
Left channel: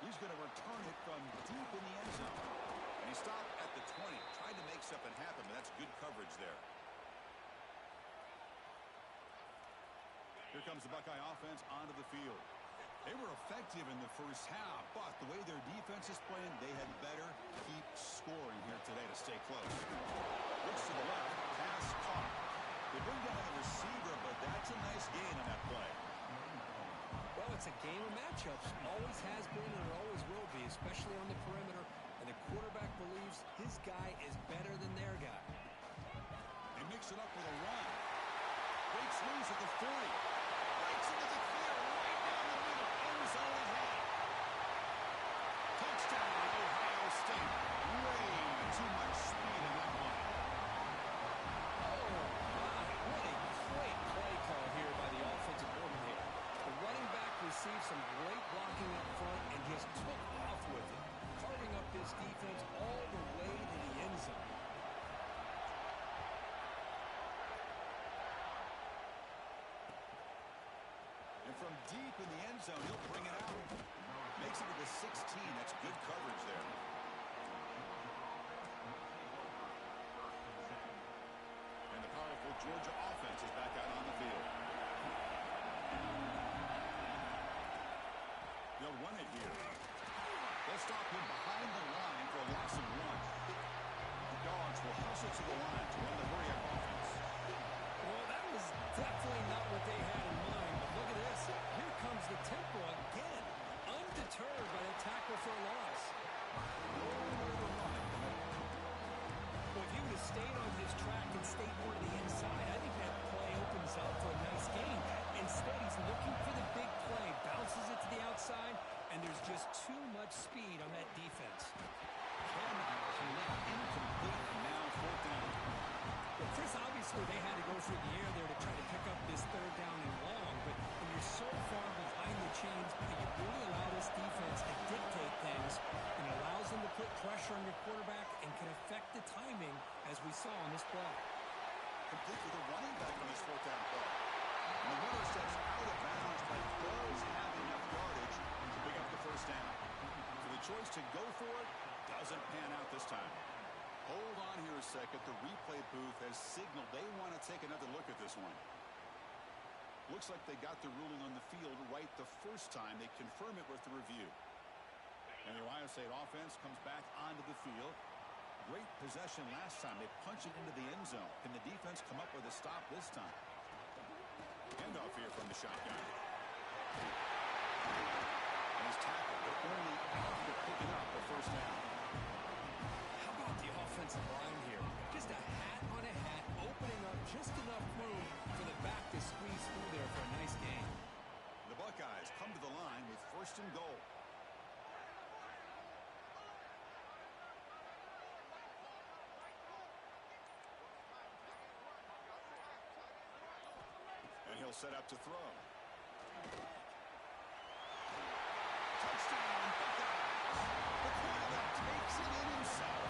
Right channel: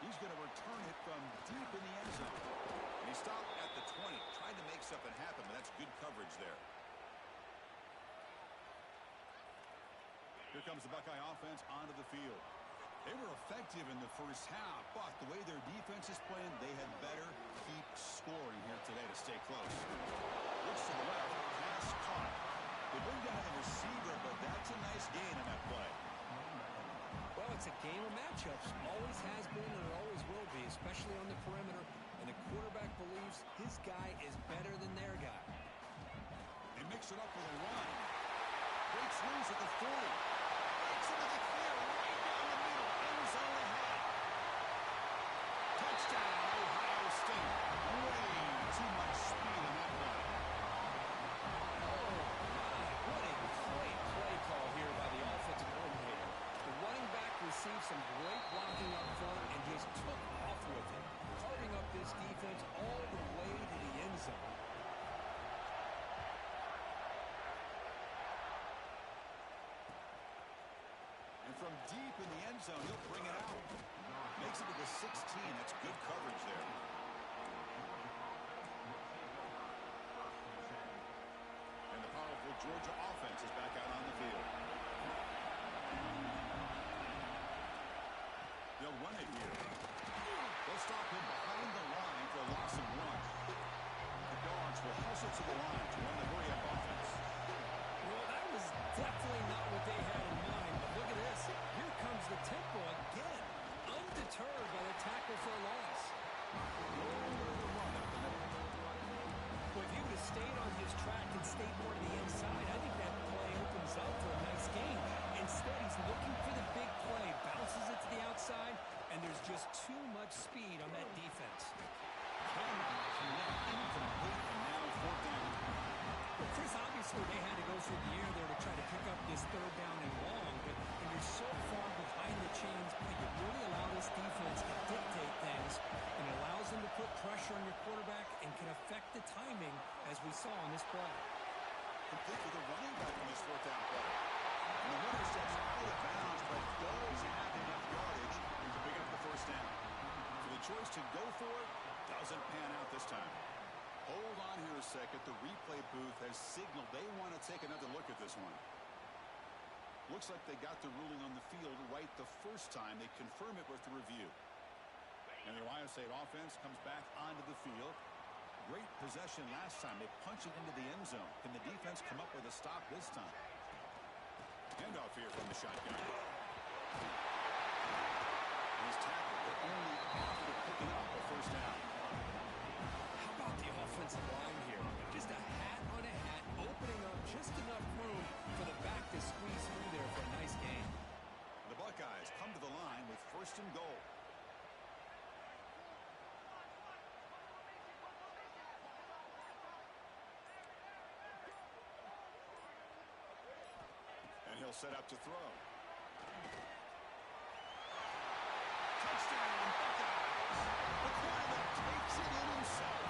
He's going to return it from deep in the end zone. And he stopped at the 20, tried to make something happen, but that's good coverage there. Here comes the Buckeye offense onto the field. They were effective in the first half, but the way their defense is playing, they had better keep scoring here today to stay close. Looks to the left, pass caught. They bring down the receiver, but that's a nice gain on that play. Well, it's a game of matchups. Always has been and it always will be, especially on the perimeter. And the quarterback believes his guy is better than their guy. They mix it up with a run. Breaks loose at the 40. Breaks into the clear right down the middle. End zone ahead. Touchdown, Ohio State. Way too much speed on that play. Oh, my. What a great play call here by the offensive coordinator. The running back received some great blocking up front and just took off with it, carving up this defense all the way to the end zone. And from deep in the end zone, he'll bring it out. Makes it to the 16. That's good coverage there. And the powerful Georgia offense is back out on the field. They'll run it here. They'll stop him behind the line for a loss of 1. The Dogs will hustle to the line to run the hurry-up offense. Well, that was definitely not what they had in mind, but look at this. Here comes the tempo again, undeterred by the tackle for a loss. Nowhere to run up the middle. Well, if he would have stayed on his track and stayed more to the inside, I think that play opens up for a nice gain. Instead, he's looking for the big play, bounces it to the outside, and there's just too much speed on that defense. Cannot connect, incomplete, and now 4th down. Well, Chris, obviously they had to go through the air there to try to pick up this 3rd down and long, but when you're so far behind the chains, you really allow this defense to dictate things, and it allows them to put pressure on your quarterback and can affect the timing, as we saw on this play. Complete with a running back on this 4th down play. And the runner steps out of bounds, but does have enough yardage to pick up the 1st down. So the choice to go for it doesn't pan out this time. Hold on here a second. The replay booth has signaled they want to take another look at this one. Looks like they got the ruling on the field right the first time. They confirm it with the review. And the Ohio State offense comes back onto the field. Great possession last time. They punch it into the end zone. Can the defense come up with a stop this time? Handoff here from the shotgun. And he's tackled, but only after picking up a 1st down. How about the offensive line here? Just a hat on a hat, opening up just enough room for the back to squeeze through there for a nice gain. The Buckeyes come to the line with 1st and goal. And he'll set up to throw. Touchdown, Buckeyes! The quarterback takes it in himself.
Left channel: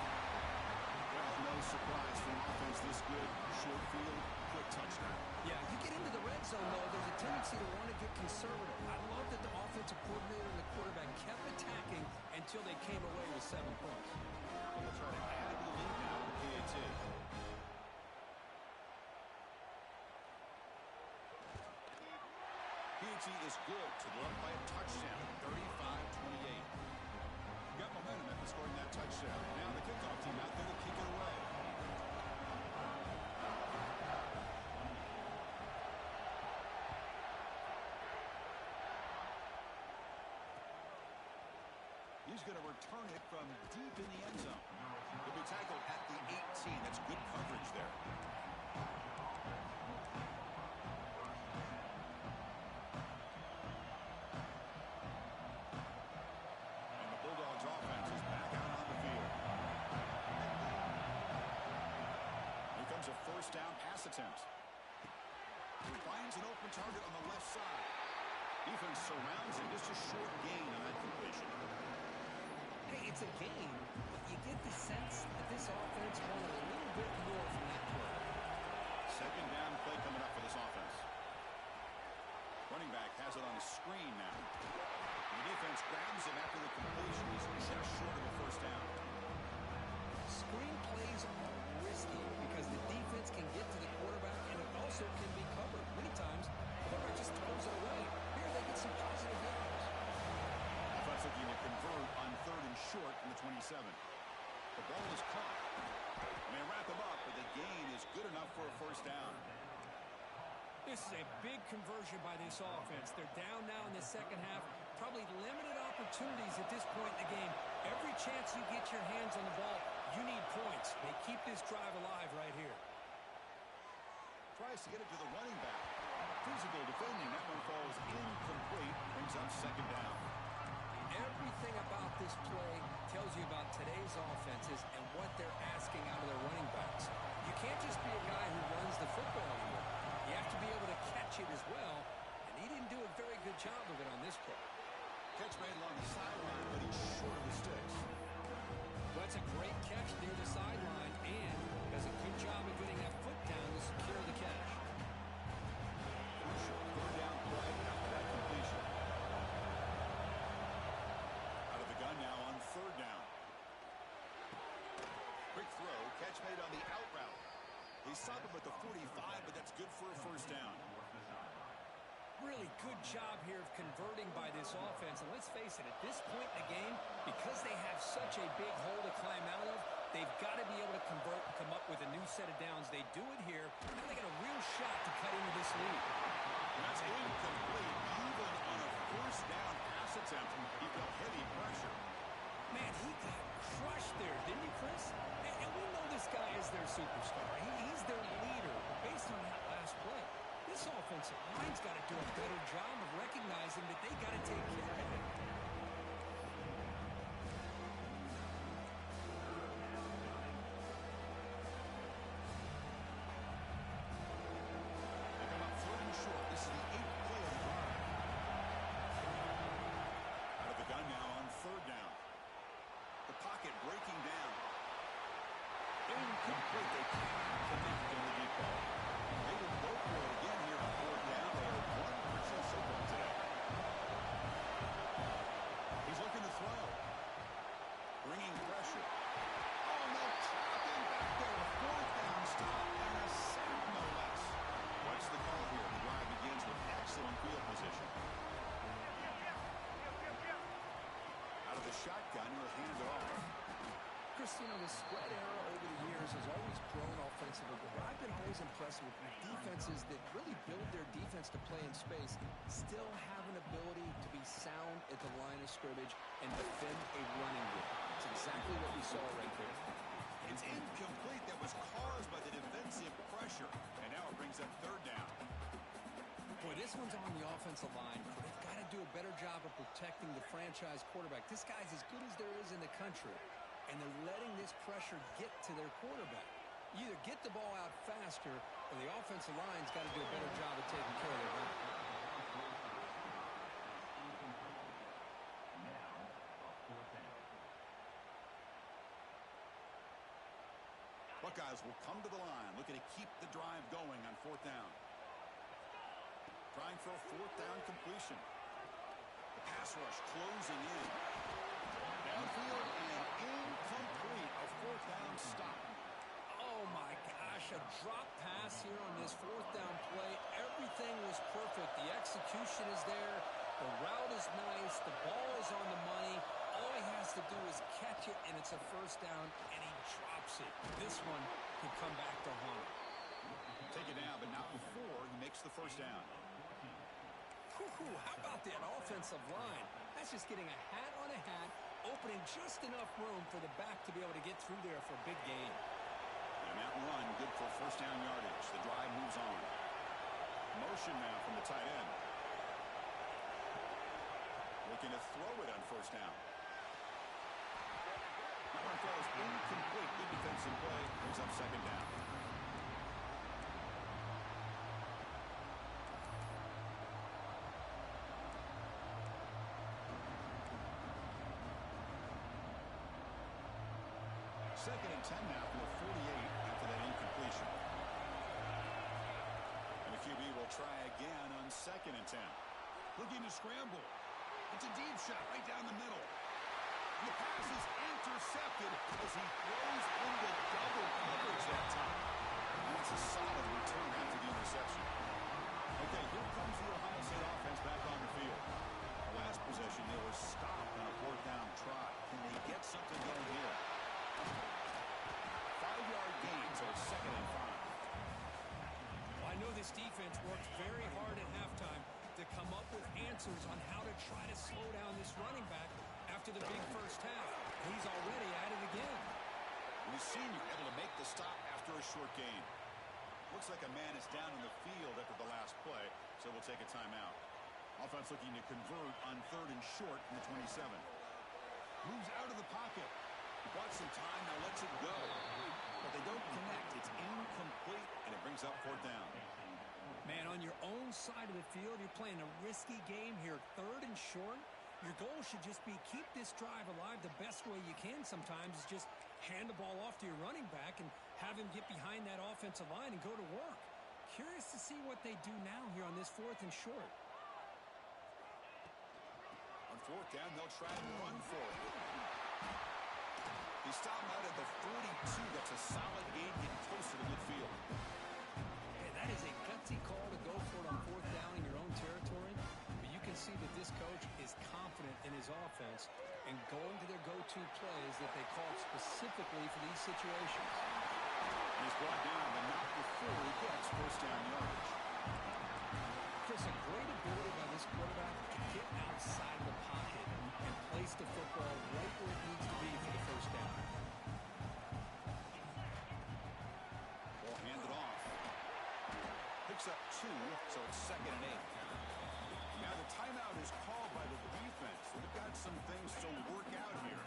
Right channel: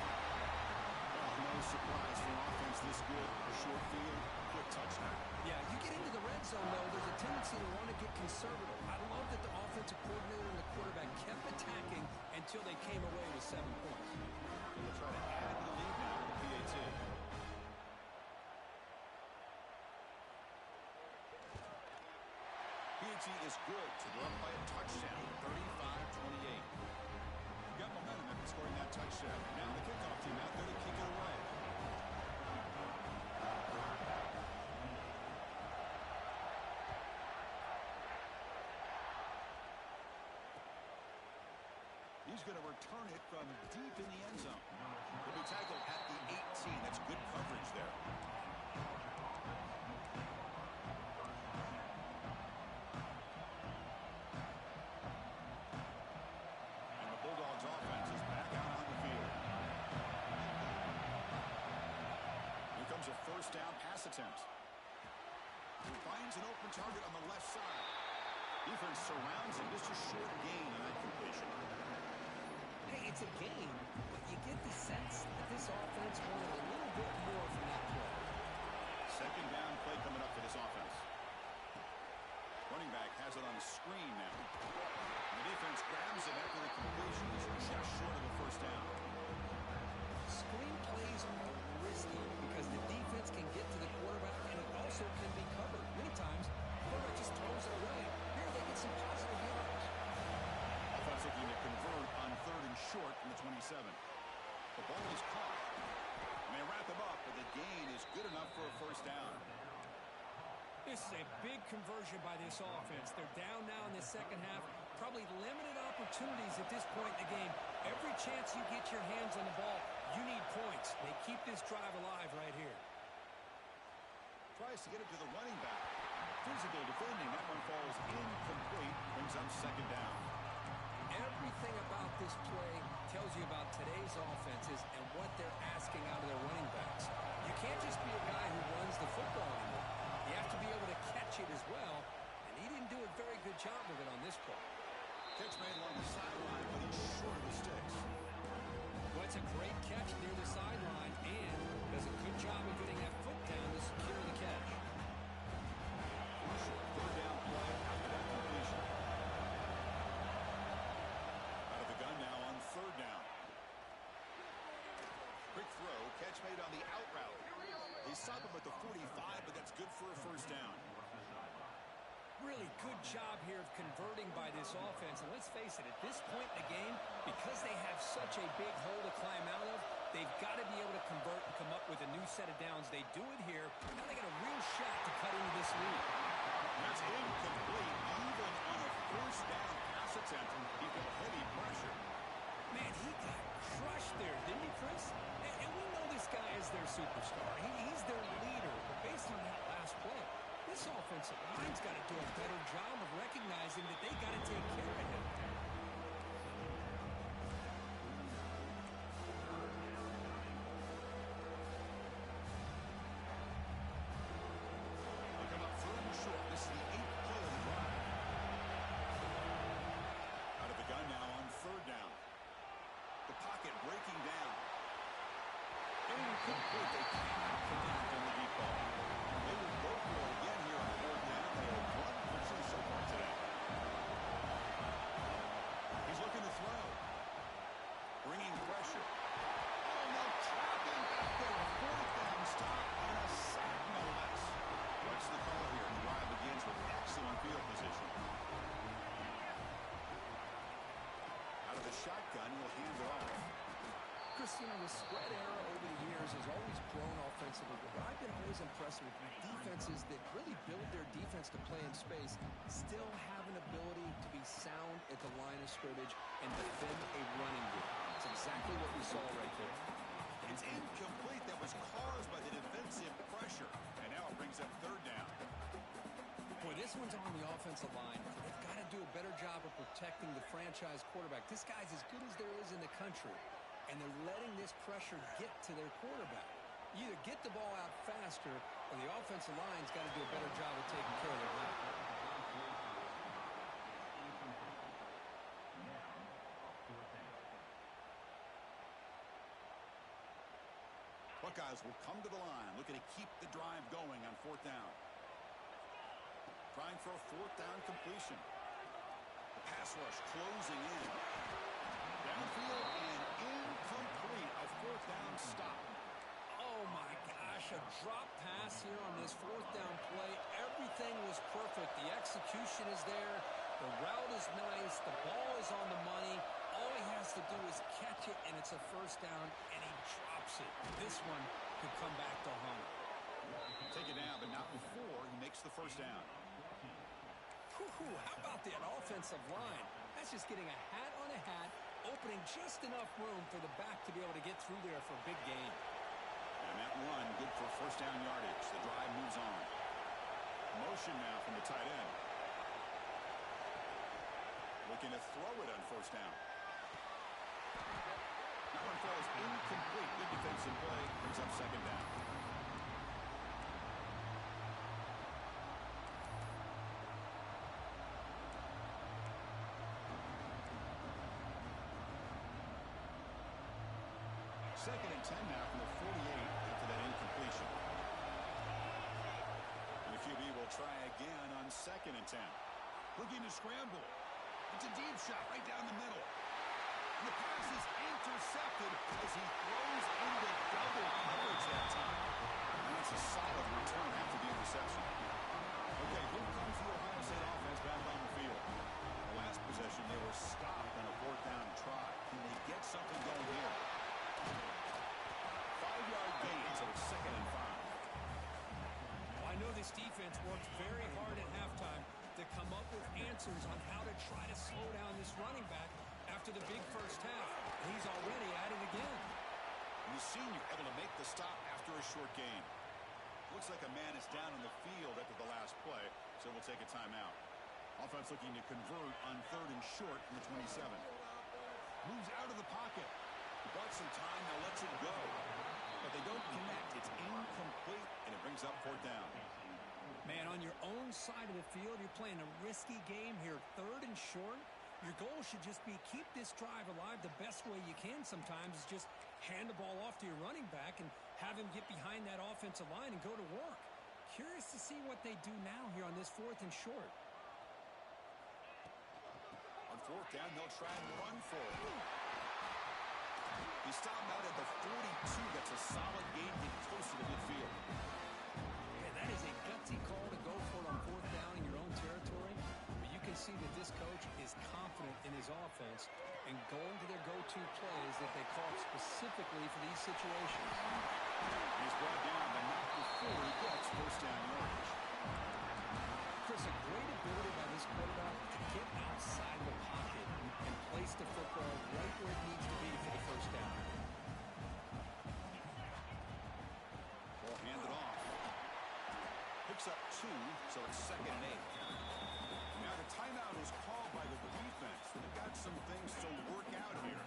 Well, no surprise for an offense this good. Short field, quick touchdown. Yeah, you get into the red zone, though, there's a tendency to want to get conservative. I love that the offensive coordinator and the quarterback kept attacking until they came away with 7 points. And they'll try to add to the lead now with the PAT. PAT is good to go up by a touchdown, 35-28. Got momentum after scoring that touchdown. Now the kickoff team out there to kick it away. He's going to return it from deep in the end zone. He'll be tackled at the 18. That's good coverage there. And the Bulldogs offense is back out on the field. first down pass attempt. Finds an open target on the left side. Defense surrounds him. Just a short gain on that completion. Hey, it's a gain, but you get the sense that this offense wanted a little bit more from that play. Second down play coming up for this offense. Running back has it on a screen now. And the defense grabs him after the completion. He's just short of a first down. Screen plays are risky because the defense can get to the quarterback and it also can be covered. Many times, the quarterback just throws it away. Here they get some positive yards. Offense looking to convert on third and short from the 27. The ball is caught. And they wrap him up, but the gain is good enough for a first down. This is a big conversion by this offense. They're down now in the second half. Probably limited opportunities at this point in the game. Every chance you get your hands on the ball, you need points. They keep this drive alive right here. Tries to get it to the running back. Physical defending. That one falls incomplete. Brings up second down. Everything about this play tells you about today's offenses and what they're asking out of their running backs. You can't just be a guy who runs the football anymore. You have to be able to catch it as well, and he didn't do a very good job of it on this play. Catch made along the sideline, but he's short of the sticks. Well, it's a great catch near the sideline, and does a good job of getting that foot down to secure the catch. Crucial third down play after that completion. Out of the gun now on third down. Quick throw, catch made on the out route. They stop him at the 45, but that's good for a first down. Really good job here of converting by this offense. And let's face it, at this point in the game, because they have such a big hole to climb out of, they've got to be able to convert and come up with a new set of downs. They do it here. Now they got a real shot to cut into this lead. And that's incomplete. Even on a first down pass attempt, he felt heavy pressure. Man, he got crushed there, didn't he, Chris? And we know this guy is their superstar. He's their leader. But based on that last play, this offensive line's got to do a better job of recognizing that they got to take care of him. They come up third and short. This is the 8th play of the drive. Out of the gun now on third down. The pocket breaking down. Incomplete. They cannot connect on the deep ball. They will go for it again here on fourth down. They are 1 for 2 so far today. He's looking to throw. Bringing pressure. Oh, no, trap him back there. A fourth down stop and a sack, no less. What's the call here? The drive begins with excellent field position. Out of the shotgun, he'll hand it off. Christina, the spread era over the years has always grown offensively, but what I've been always impressed with defenses that really build their defense to play in space still have an ability to be sound at the line of scrimmage and defend a running game. It's exactly what we saw right there. It's incomplete. That was caused by the defensive pressure. And now it brings up third down. Boy, this one's on the offensive line. They've got to do a better job of protecting the franchise quarterback. This guy's as good as there is in the country. And they're letting this pressure get to their quarterback. You either get the ball out faster, or the offensive line's got to do a better job of taking care of their guy. Buckeyes will come to the line, looking to keep the drive going on fourth down. Trying for a fourth down completion. The pass rush closing in. Downfield and incomplete. A fourth down stop. Oh, my gosh. A drop pass here on this fourth down play. Everything was perfect. The execution is there. The route is nice. The ball is on the money. All he has to do is catch it, and it's a first down, and he drops it. This one could come back to haunt him. Take it down, but not before he makes the first down. How about that offensive line? That's just getting a hat on a hat, opening just enough room for the back to be able to get through there for a big gain. And that run, good for first down yardage. The drive moves on. Motion now from the tight end. Looking to throw it on first down. That one falls incomplete. Good defensive play. Brings up second down. second and 10 now from the 48 after that incompletion. And the QB will try again on second and 10. Looking to scramble. It's a deep shot right down the middle. And the pass is intercepted as he throws into double coverage that time. And that's a solid return after the interception. Okay, here comes the Ohio State offense back on the field. Last possession, they were stopped on a fourth down try. Can they get something going here? 5-yard gain, so it's second and 5. Well, I know this defense worked very hard at halftime to come up with answers on how to try to slow down this running back after the big first half. And he's already at it again. And the senior able to make the stop after a short gain. Looks like a man is down on the field after the last play, so we'll take a timeout. Offense looking to convert on third and short from the 27. Moves out of the pocket. Bought some time, now lets it go. But they don't connect. It's incomplete, and it brings up fourth down. Man, on your own side of the field, you're playing a risky game here. Third and short. Your goal should just be keep this drive alive the best way you can sometimes is just hand the ball off to your running back and have him get behind that offensive line and go to work. Curious to see what they do now here on this fourth and short. On fourth down, they'll try and run for it. He stopped out at the 42. That's a solid gain, getting closer to midfield. Yeah, that is a gutsy call to go for it on fourth down in your own territory. But you can see that this coach is confident in his offense and going to their go-to plays that they call specifically for these situations. He's brought down, but not before he gets first down yardage. Chris, a great ability by this quarterback to get outside of the pocket and place the football right where it needs to be for the first down. Ball handed off. Picks up 2, so it's second and 8. Now the timeout is called by the defense. They've got some things to work out here.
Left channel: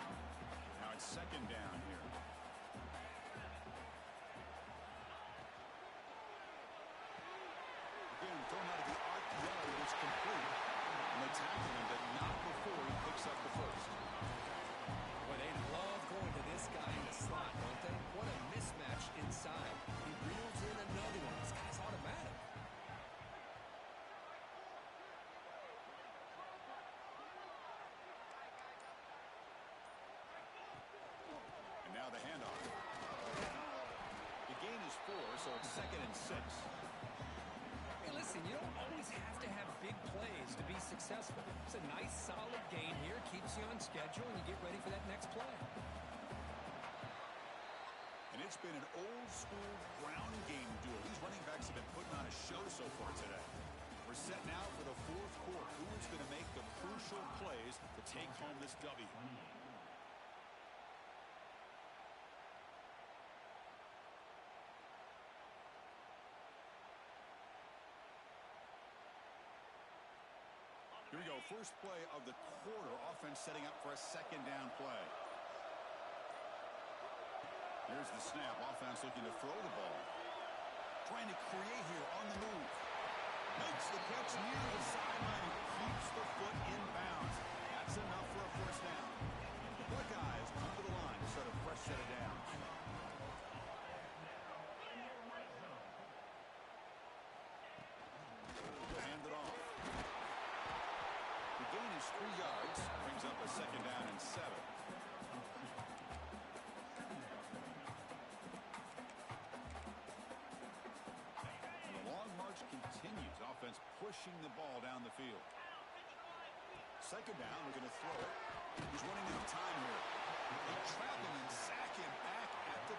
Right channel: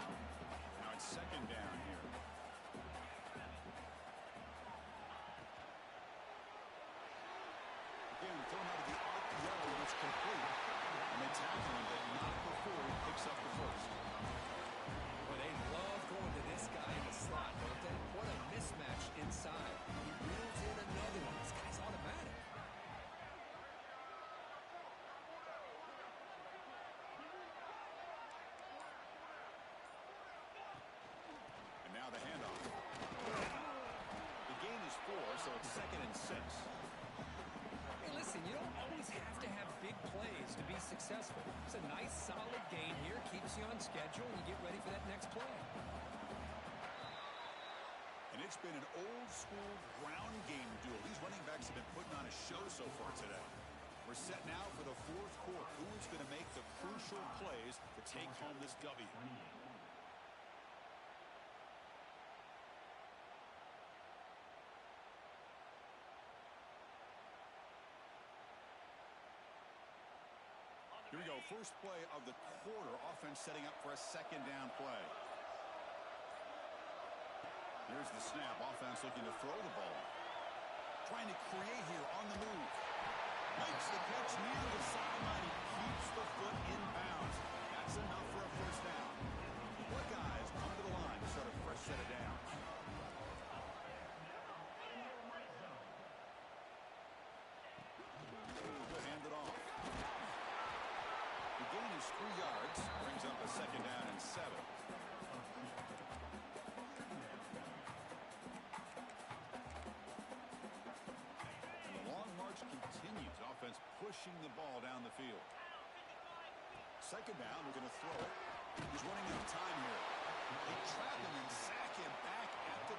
Now it's second down here. Again, thrown out of the arc yellow, it's complete. And they tackle him, but not before he picks up the first. Well, they love going to this guy in the slot, don't they? What a mismatch inside. He reels in another one. This guy's automatic. And now the handoff. The gain is 4, so it's second and 6. Hey, listen, you don't always have to have big plays to be successful. It's a nice, solid gain here. Keeps you on schedule, and you get ready for that next play. And it's been an old-school ground game duel. These running backs have been putting on a show so far today. We're set now for the fourth quarter. Who is going to make the crucial plays to take home this W? Here we go. First play of the quarter. Offense setting up for a second down play. Here's the snap. Offense looking to throw the ball. Trying to create here on the move. Makes the catch near the sideline and keeps the foot in bounds. That's enough for a first down. The Buckeyes come to the line to start a fresh set of downs. They'll hand it off. The gain is 3 yards. Brings up a second down and 7. And the long march continues. Offense pushing the ball down the field. Second down, we're going to throw it. He's running out of time here. They trap him and sack him back at the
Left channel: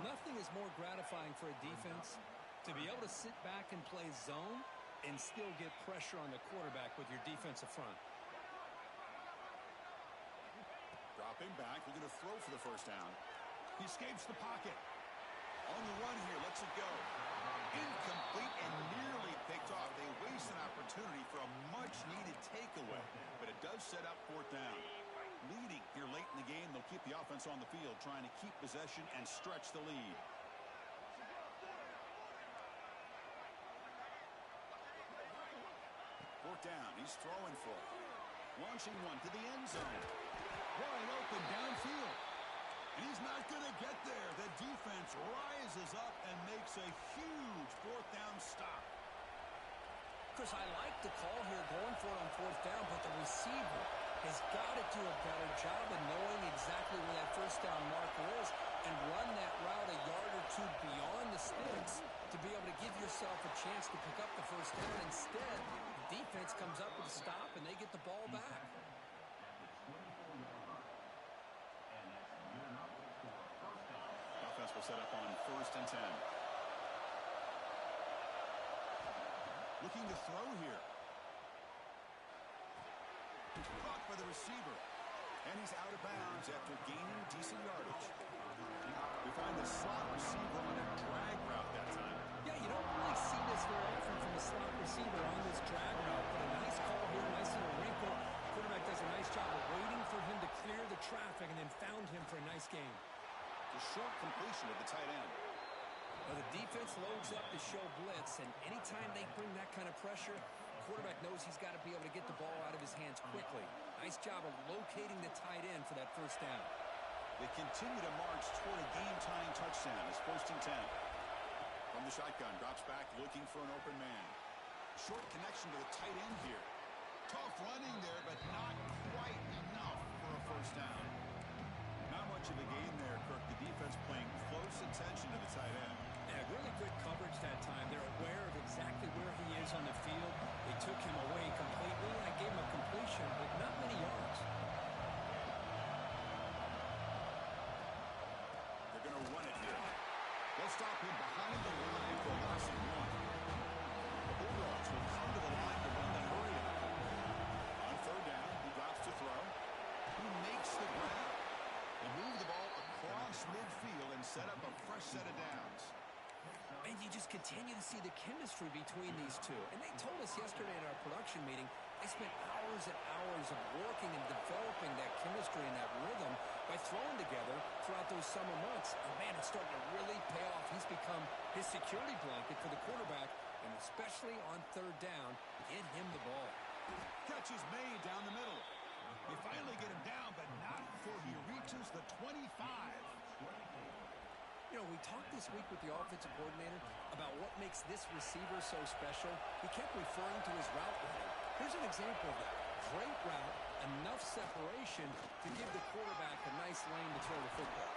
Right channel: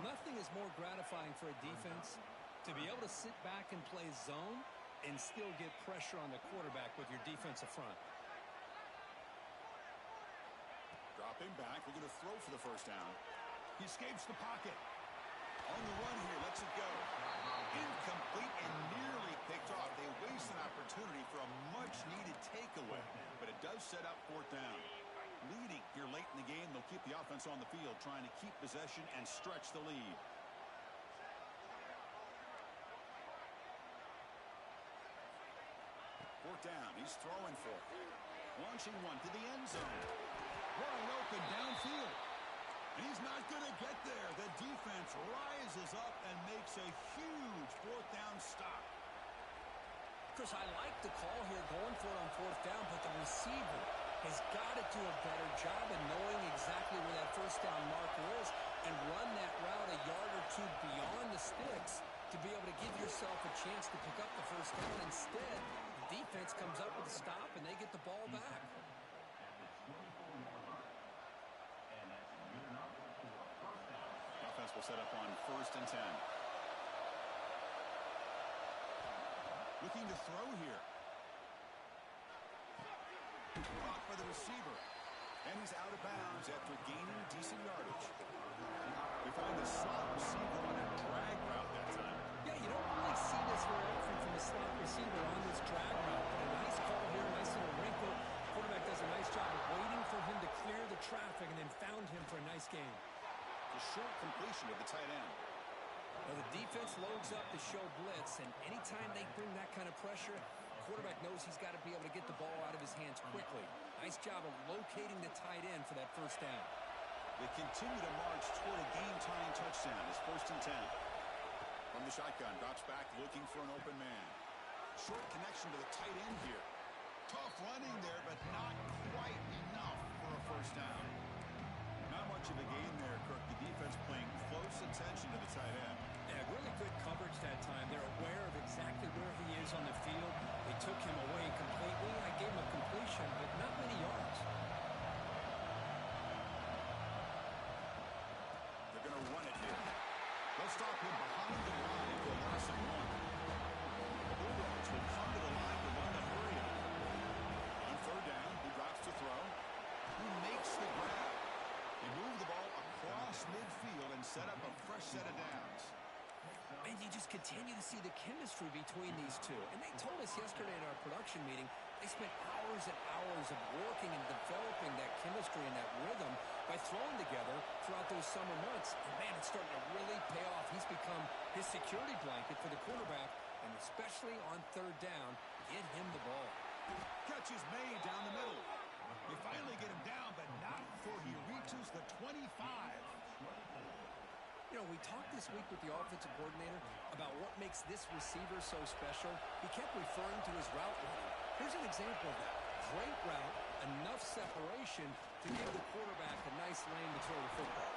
10. Nothing is more gratifying for a defense to be able to sit back and play zone and still get pressure on the quarterback with your defensive front. Dropping back, we're going to throw for the first down. He escapes the pocket. On the run here, lets it go. Incomplete and nearly picked off. They waste an opportunity for a much-needed takeaway, but it does set up fourth down. Leading here late in the game, they'll keep the offense on the field, trying to keep possession and stretch the lead. Fourth down, he's throwing for it. Launching one to the end zone. Wide open downfield. And he's not going to get there. The defense rises up and makes a huge fourth down stop. Chris, I like the call here going for it on fourth down, but the receiver has got to do a better job of knowing exactly where that first down marker is and run that route a yard or two beyond the sticks to be able to give yourself a chance to pick up the first down. Instead, the defense comes up with a stop and they get the ball back. Offense will set up on 1st and 10. Looking to throw here. Caught by the receiver. And he's out of bounds after gaining decent yardage. We find the slot receiver on a drag route that time. Yeah, you don't really see this very often from a slot receiver on this drag route, but a nice call here, nice little wrinkle. Quarterback does a nice job of waiting for him to clear the traffic and then found him for a nice gain. The short completion of the tight end. Well, the defense loads up to show blitz, and anytime they bring that kind of pressure, the quarterback knows he's got to be able to get the ball out of his hands quickly. Nice job of locating the tight end for that first down. They continue to march toward a game-tying touchdown. It's 1st and 10. From the shotgun, drops back looking for an open man. Short connection to the tight end here. Tough running there, but not quite enough for a first down. Not much of a gain there, Kirk. The defense paying close attention to the tight end. Yeah, really good coverage that time. They're aware of exactly where he is on the field. They took him away completely. I gave him a completion, but not many yards. They're going to run it here. They'll stop him behind the line for a loss of 1. The Bulldogs will come to the line to run the hurry up. On 3rd down, he drops to throw. He makes the grab. They move the ball across midfield and set up a fresh set of downs. And you just continue to see the chemistry between these two. And they told us yesterday at our production meeting, they spent hours and hours of working and developing that chemistry and that rhythm by throwing together throughout those summer months. And, man, it's starting to really pay off. He's become his security blanket for the quarterback, and especially on 3rd down, get him the ball. Catch is made down the middle. They finally get him down, but not before he reaches the 25. You know, we talked this week with the offensive coordinator about what makes this receiver so special. He kept referring to his route running. Here's an example of that. Great route, enough separation to give the quarterback a nice lane to throw the football.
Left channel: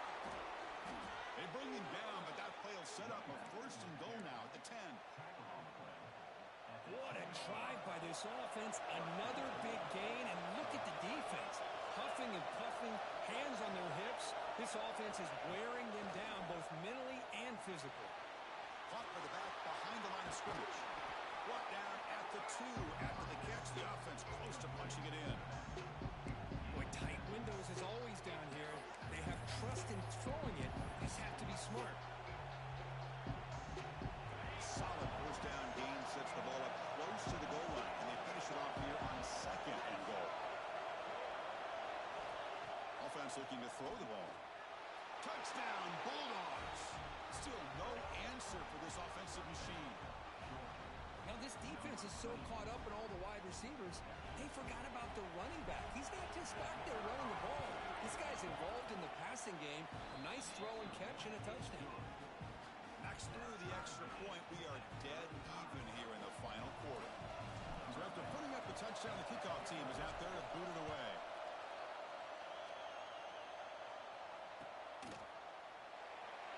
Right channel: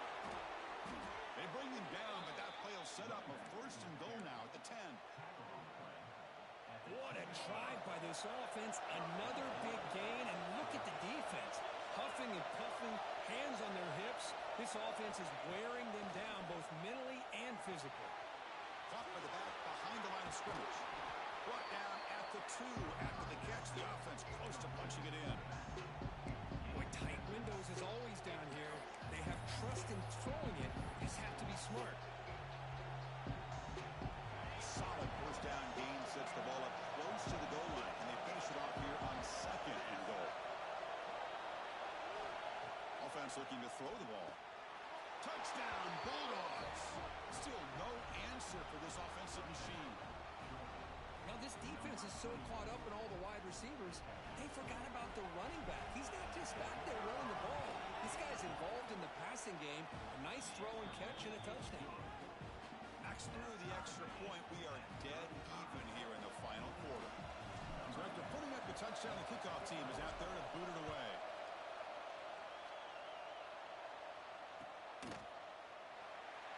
They bring him down, but that play will set up a 1st and goal now at the 10. What a drive by this offense. Another big gain, and look at the defense. Huffing and puffing, hands on their hips. This offense is wearing them down both mentally and physically. Caught by the back behind the line of scrimmage. Brought down at the 2 after the catch. The offense close to punching it in. Boy, tight windows as always down here. They have trust in throwing it. Just have to be smart. Solid 1st down gain sets the ball up close to the goal line. And they finish it off here on 2nd and goal. Offense looking to throw the ball. Touchdown, Bulldogs. Still no answer for this offensive machine. Now this defense is so caught up in all the wide receivers, they forgot about the running back. He's not just back there running the ball. This guy's involved in the passing game. A nice throw and catch and a touchdown. Knocks through the extra point. We are dead even here in the final quarter. So after putting up the touchdown, the kickoff team is out there to boot it away.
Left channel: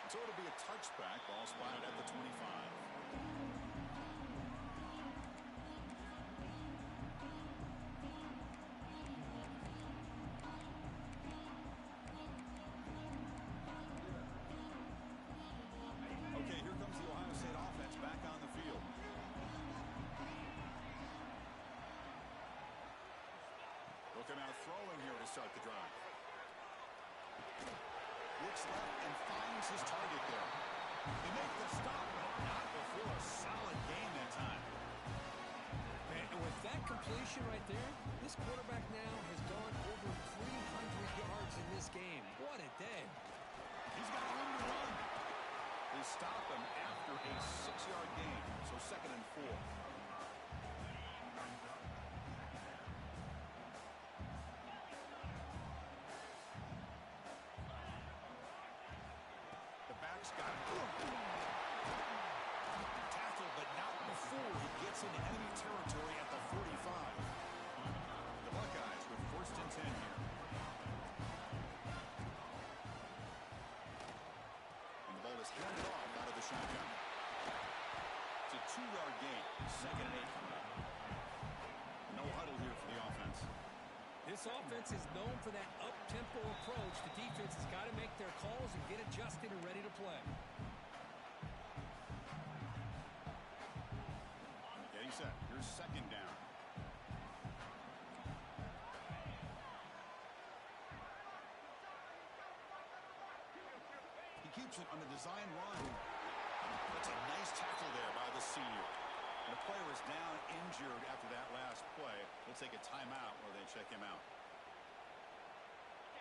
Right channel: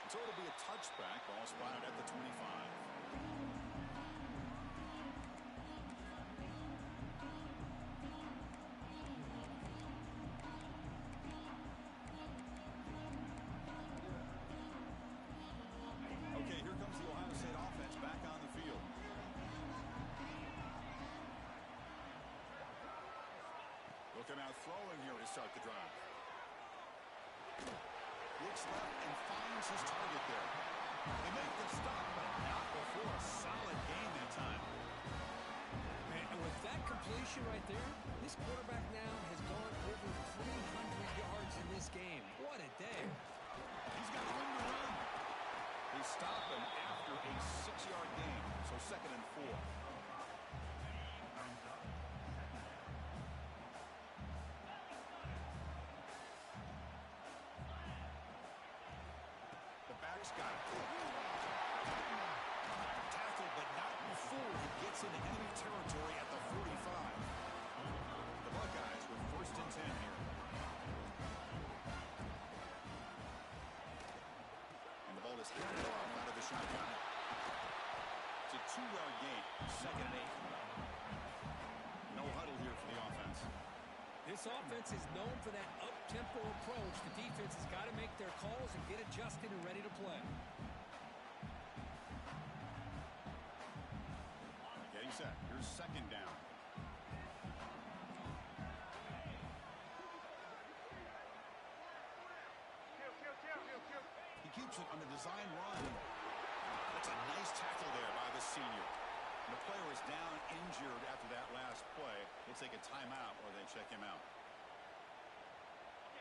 So it'll be a touchback. Ball spotted at the 25. Okay, here comes the Ohio State offense back on the field. They'll come out throwing here to start the drive. Looks left and finds his target there. They make the stop, but not before a solid gain that time. Man, and with that completion right there, this quarterback now has gone over 300 yards in this game. What a day. He's got room to run. They stop him after a 6-yard gain, so 2nd and 4. He's got it. Tackle, but not before he gets into enemy territory at the 45. The Buckeyes with 1st and 10 here. And the ball is handed off out of the shotgun. It's a 2-yard gain. 2nd and 8 coming up. No huddle here for the offense. This offense is known for that up-tempo approach. The defense has got to make their calls and get adjusted and ready to play. Getting set. Here's 2nd down. He keeps it on the design run. That's a nice tackle there by the senior. And the player is down injured after that last play. We'll take a timeout while they check him out.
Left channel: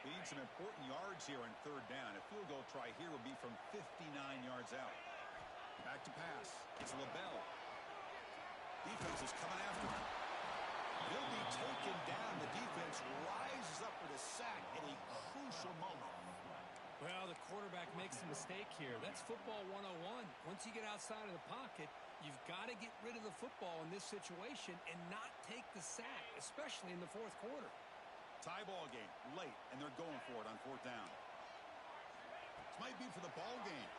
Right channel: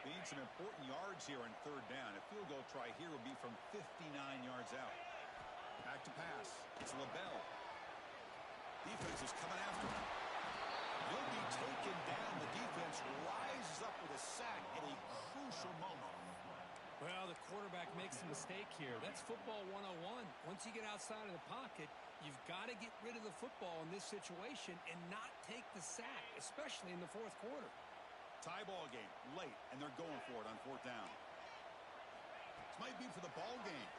They need some important yards here on 3rd down. A field goal try here would be from 59 yards out. Back to pass. It's LaBelle. Defense is coming after him. He'll be taken down. The defense rises up with a sack at a crucial moment. Well, the quarterback makes a mistake here. That's football 101. Once you get outside of the pocket, you've got to get rid of the football in this situation and not take the sack, especially in the 4th quarter. Tie ball game, late, and they're going for it on 4th down. This might be for the ball game.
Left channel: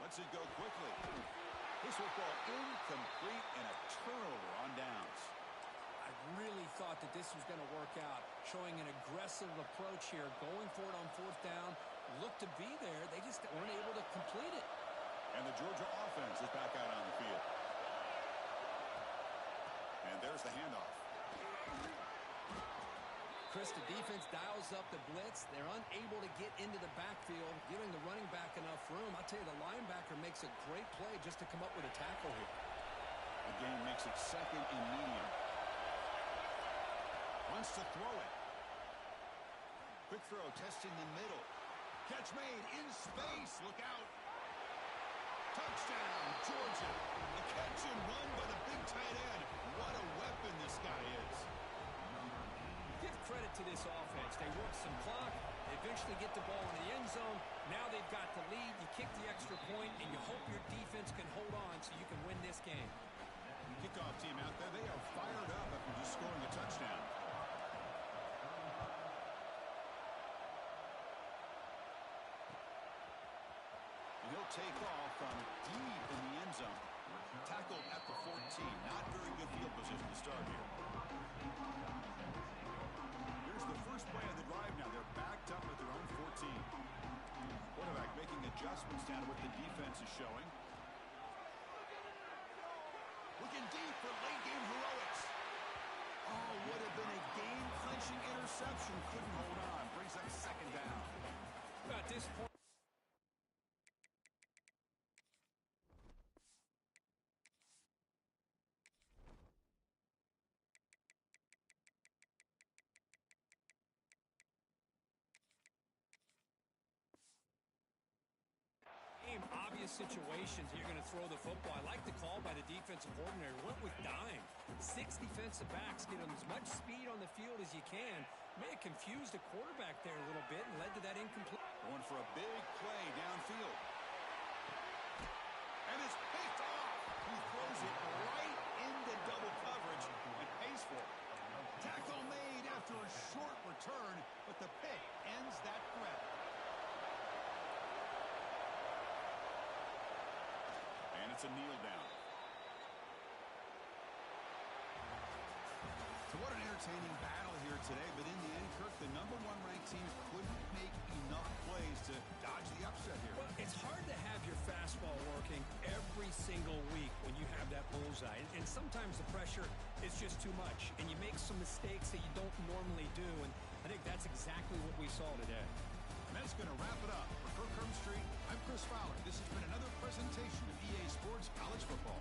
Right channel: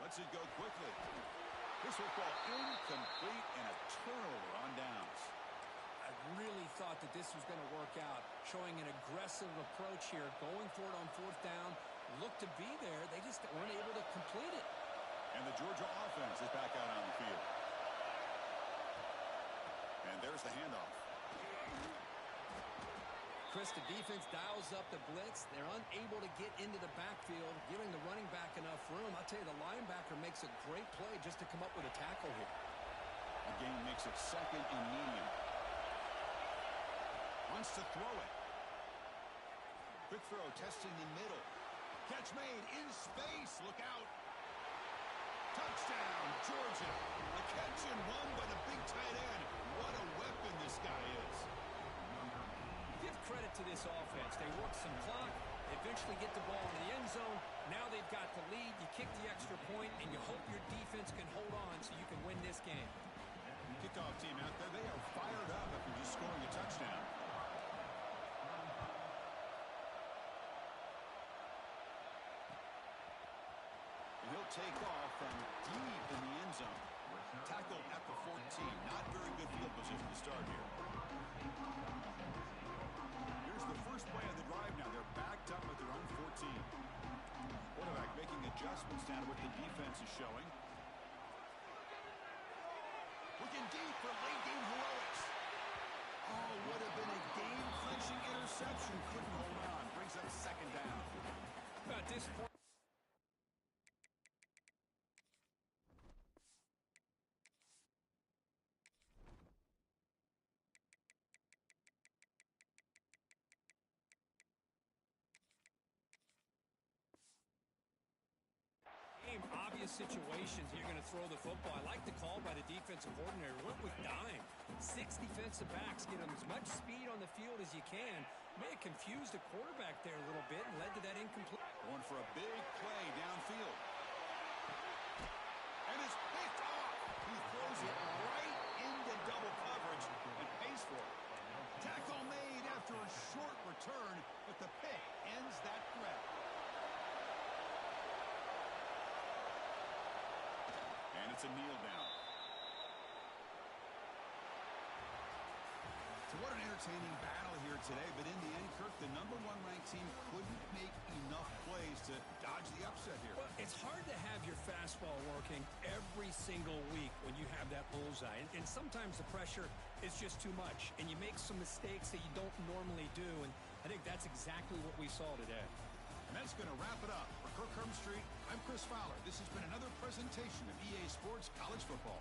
Lets it go quickly. This will fall incomplete and a turnover on downs. I really thought that this was going to work out, showing an aggressive approach here, going for it on 4th down. Looked to be there. They just weren't able to complete it. And the Georgia offense is back out on the field. And there's the handoff. Chris, the defense dials up the blitz. They're unable to get into the backfield, giving the running back enough room. I'll tell you, the linebacker makes a great play just to come up with a tackle here. Again, makes it 2nd and medium. Wants to throw it. Quick throw, testing the middle. Catch made in space. Look out. Touchdown, Georgia. The catch and run by the big tight end. What a weapon this guy is. Give credit to this offense. They work some clock. They eventually get the ball in the end zone. Now they've got the lead. You kick the extra point, and you hope your defense can hold on so you can win this game. Kickoff team out there, they are fired up after just scoring a touchdown. And he'll take off from deep in the end zone. Tackled at the 14. Not very good field position to start here. Here's the first play of the drive now. They're backed up at their own 14. Quarterback making adjustments down to what the defense is showing. Looking deep for late game heroics. Oh, would have been a game-clinching interception. Couldn't hold on. Brings up 2nd down. At this point, obvious situations you're going to throw the football. I like the call by the defensive coordinator. Went with dime. 6 defensive backs get them as much speed on the field as you can. May have confused the quarterback there a little bit and led to that incomplete. Going for a big play downfield. And it's picked off. He throws it right into double coverage and pays for it. Tackle made after a short return, but the pick ends that threat. And it's a kneel down. So what an entertaining battle here today, but in the end, Kirk, the #1 ranked team couldn't make enough plays to dodge the upset here. Well, it's hard to have your fastball working every single week when you have that bullseye. And sometimes the pressure is just too much, and you make some mistakes that you don't normally do. And I think that's exactly what we saw today. And that's going to wrap it up. For Kirk Street, I'm Chris Fowler. This has been another presentation of EA Sports College Football.